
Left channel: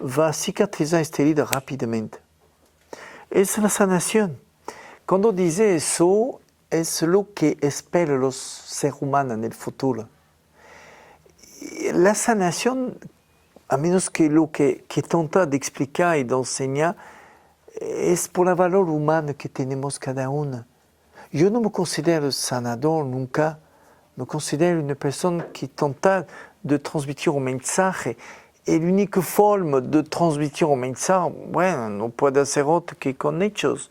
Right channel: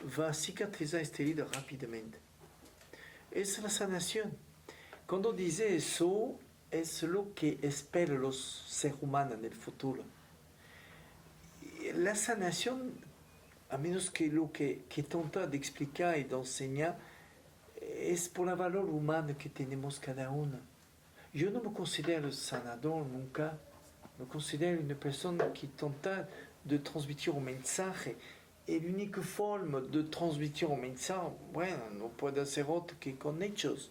va a cicatrizar esta herida rápidamente. Es la sanación. Cuando dice eso, es lo que esperan los seres humanos en el futuro. Y la sanación, a menos que lo que trata de explicar y de enseñar, es por el valor humano que tenemos cada uno. Yo no me considero sanador nunca, me considero una persona que trata de transmitir un mensaje. Y la única forma de transmitir un mensaje, bueno, no puede ser otra que con hechos.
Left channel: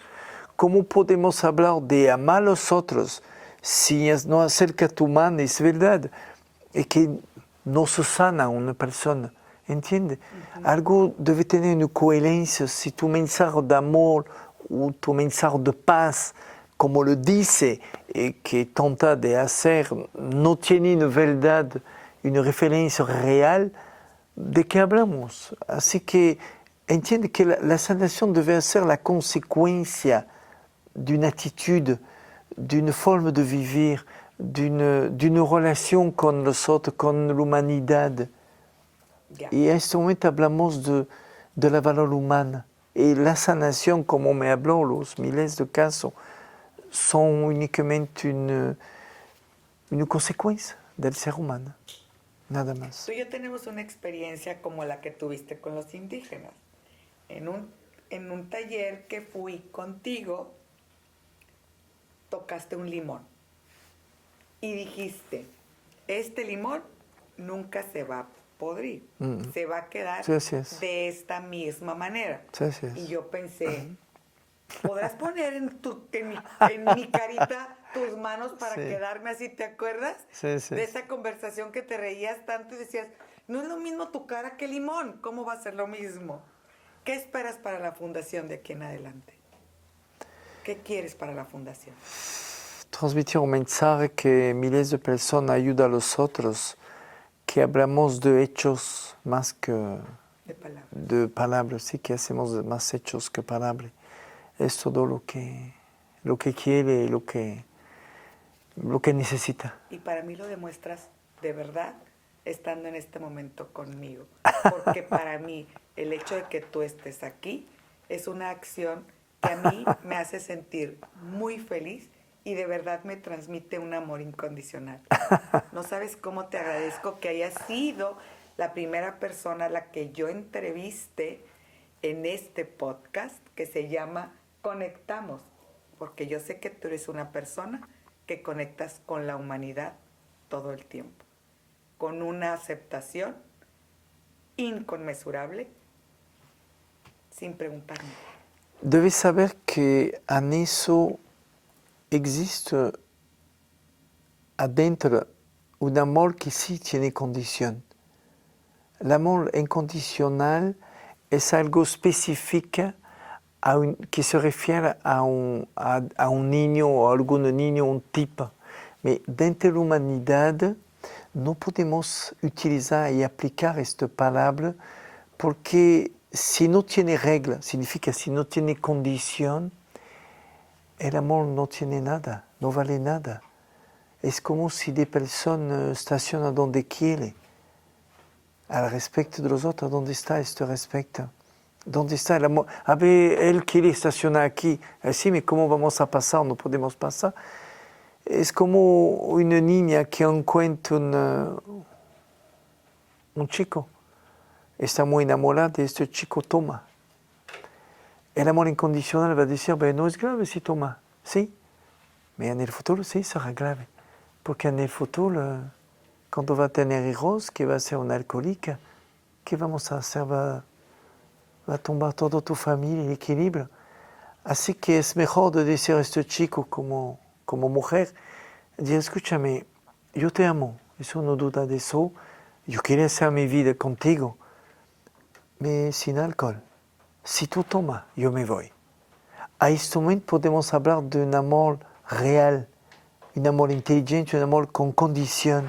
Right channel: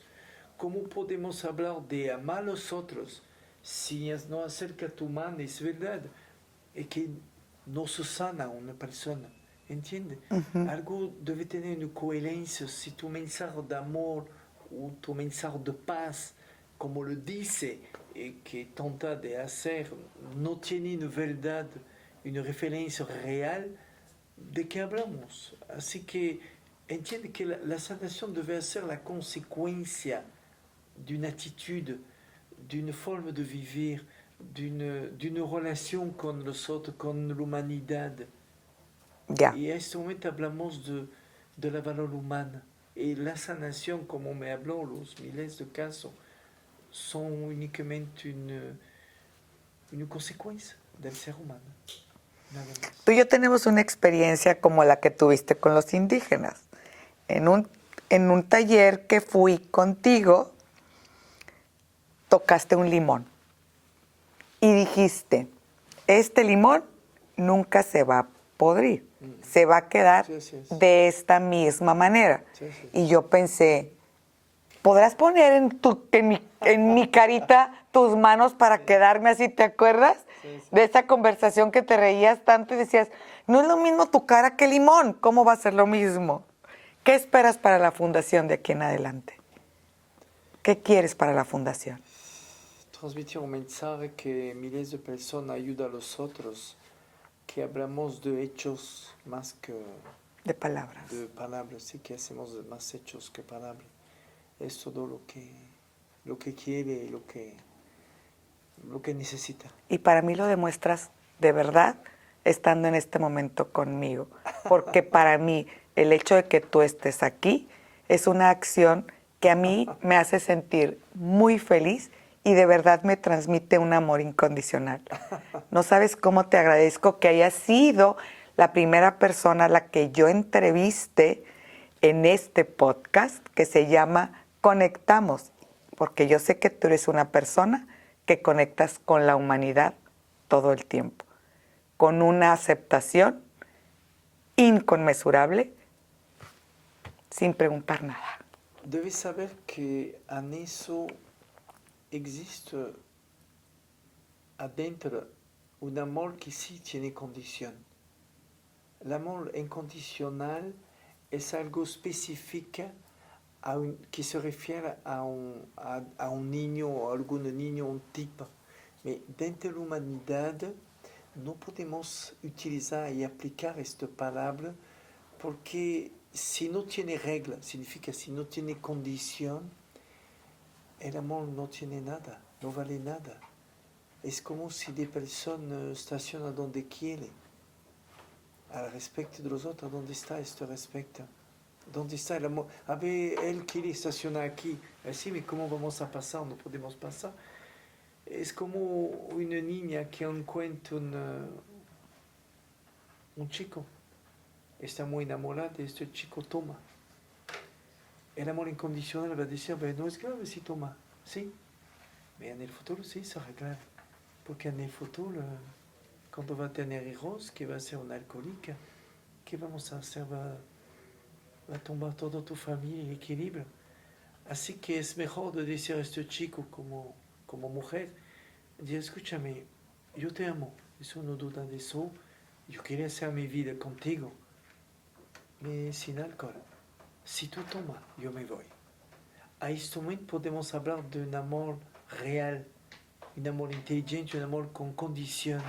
¿Cómo podemos hablar de amar a los otros si no acerca tu mano? Es verdad, es que no se sana una persona, ¿entiendes? Algo debe tener una coherencia. Si tu mensaje de amor o tu mensaje de paz, como lo dice, que trata de hacer, no tiene una verdad, una referencia real, ¿de qué hablamos? Así que entiende que la sanación debe ser la consecuencia d'une attitude, d'une forme de vivir, d'une relation con los otros, con la humanidad. Ya. Y en este momento hablamos de la valor humana. Y la sanación, como me habló, los miles de casos, son únicamente una consecuencia del ser humano. Nada más. Tú y yo tenemos una experiencia como la que tuviste con los indígenas. En un taller que fui contigo, tocaste un limón y dijiste, este limón nunca se va a podrir, se va a quedar Sí, así es. de esta misma manera. Sí, así es. Y yo pensé, ¿podrás poner en mi carita tus manos para Sí. quedarme así? ¿Te acuerdas? Sí, sí. De esa conversación que te reías tanto y decías, no es lo mismo tu cara que el limón, ¿cómo va a ser lo mismo? ¿Qué esperas para la fundación de aquí en adelante? ¿Qué quieres para la fundación? Transmitir un mensaje que miles de personas ayudan a los otros, que hablamos de hechos más que De palabras. de palabras, sí, que hacemos más hechos que palabras. Es todo lo que quiere, lo que necesita. Y para mí lo demuestras de verdad estando en este momento conmigo. Porque para mí el hecho de que tú estés aquí es una acción que a mí me hace sentir muy feliz y de verdad me transmite un amor incondicional. No sabes cómo te agradezco que hayas sido la primera persona a la que yo entreviste en este podcast que se llama Conectamos, porque yo sé que tú eres una persona que conectas con la humanidad todo el tiempo, con una aceptación inconmensurable, sin preguntar nada. Debes saber que en eso existe adentro un amor que sí tiene condición. El amor incondicional es algo específico que se refiere a un niño o a algún niño, un tipo. Pero dentro de la humanidad no podemos utilizar y aplicar esta palabra porque si no tiene regla, significa si no tiene condición, el amor no tiene nada, no vale nada. Es como si la persona estaciona donde quiere. Al respecto de los otros, ¿dónde está este respeto? ¿Dónde está el amor? A ver, él quiere estacionar aquí. Así, ¿pero cómo vamos a pasar? No podemos pasar. Es como una niña que encuentra un chico. Está muy enamorada de este chico, toma. El amor incondicional va a decir, no es grave si toma. Sí, pero en el futuro sí será grave. Porque en el futuro, cuando va a tener hijos, que va a ser una alcohólica, ¿qué vamos a hacer? Va a tumbar toda tu familia, el equilibrio. Así que es mejor de decir a este chico como mujer, decir, escúchame, yo te amo, eso no duda de eso, yo quiero hacer mi vida contigo, pero sin alcohol. Si tú tomas, yo me voy. a este momento podemos hablar de un amor real, un amor inteligente, un amor con condición.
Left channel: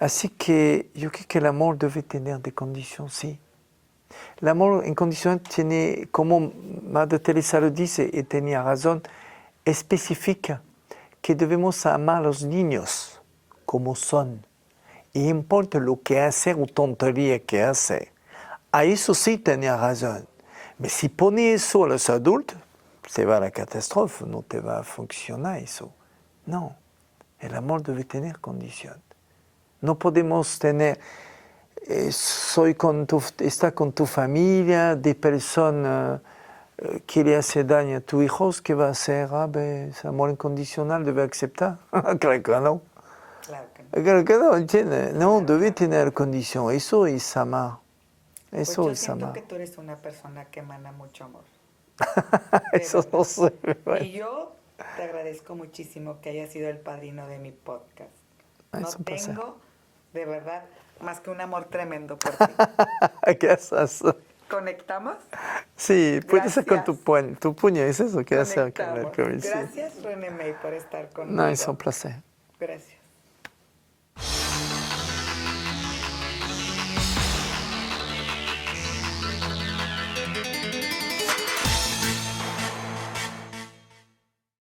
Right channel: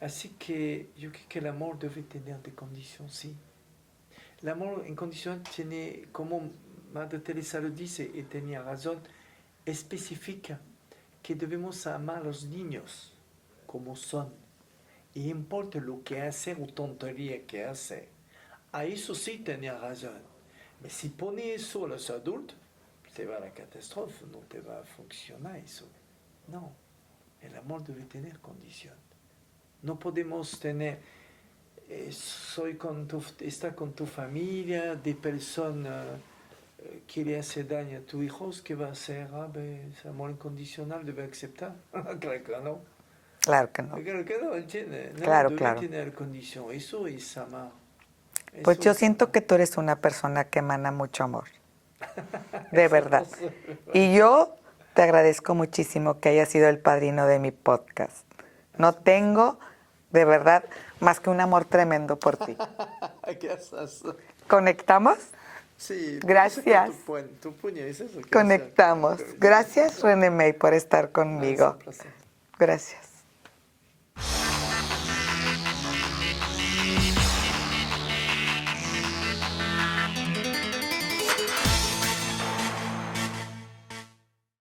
Así que yo creo que el amor debe tener de condición, sí. El amor incondicional tiene, como Madre Teresa lo dice, y tenía razón, especifica que debemos amar a los niños como son. Y importa lo que hacen o tontería que hacen. A eso sí tenía razón. Pero si pone eso a los adultos, se va a la catástrofe, no te va a funcionar eso. No, el amor debe tener condición. No podemos tener, está con tu familia, de personas que le hace daño a tus hijos, ¿qué va a hacer? Es amor incondicional, debe aceptar. Claro que no. Claro que no. Claro que no, ¿entiendes? No, Claro, debe claro. tener condición. Eso es amar. Pues Eso yo es siento amar. que tú eres una persona que emana mucho amor. De Eso verdad. no sé. Y yo te agradezco muchísimo que hayas sido el padrino de mi podcast. No Es un placer. tengo, de verdad, más que un amor tremendo por ti. Gracias. ¿Conectamos? Sí, puede ser con Gracias. tu puño, es eso que hacer con la Conectamos. comisión. Gracias, René May, por estar No, es un conmigo. placer. Gracias.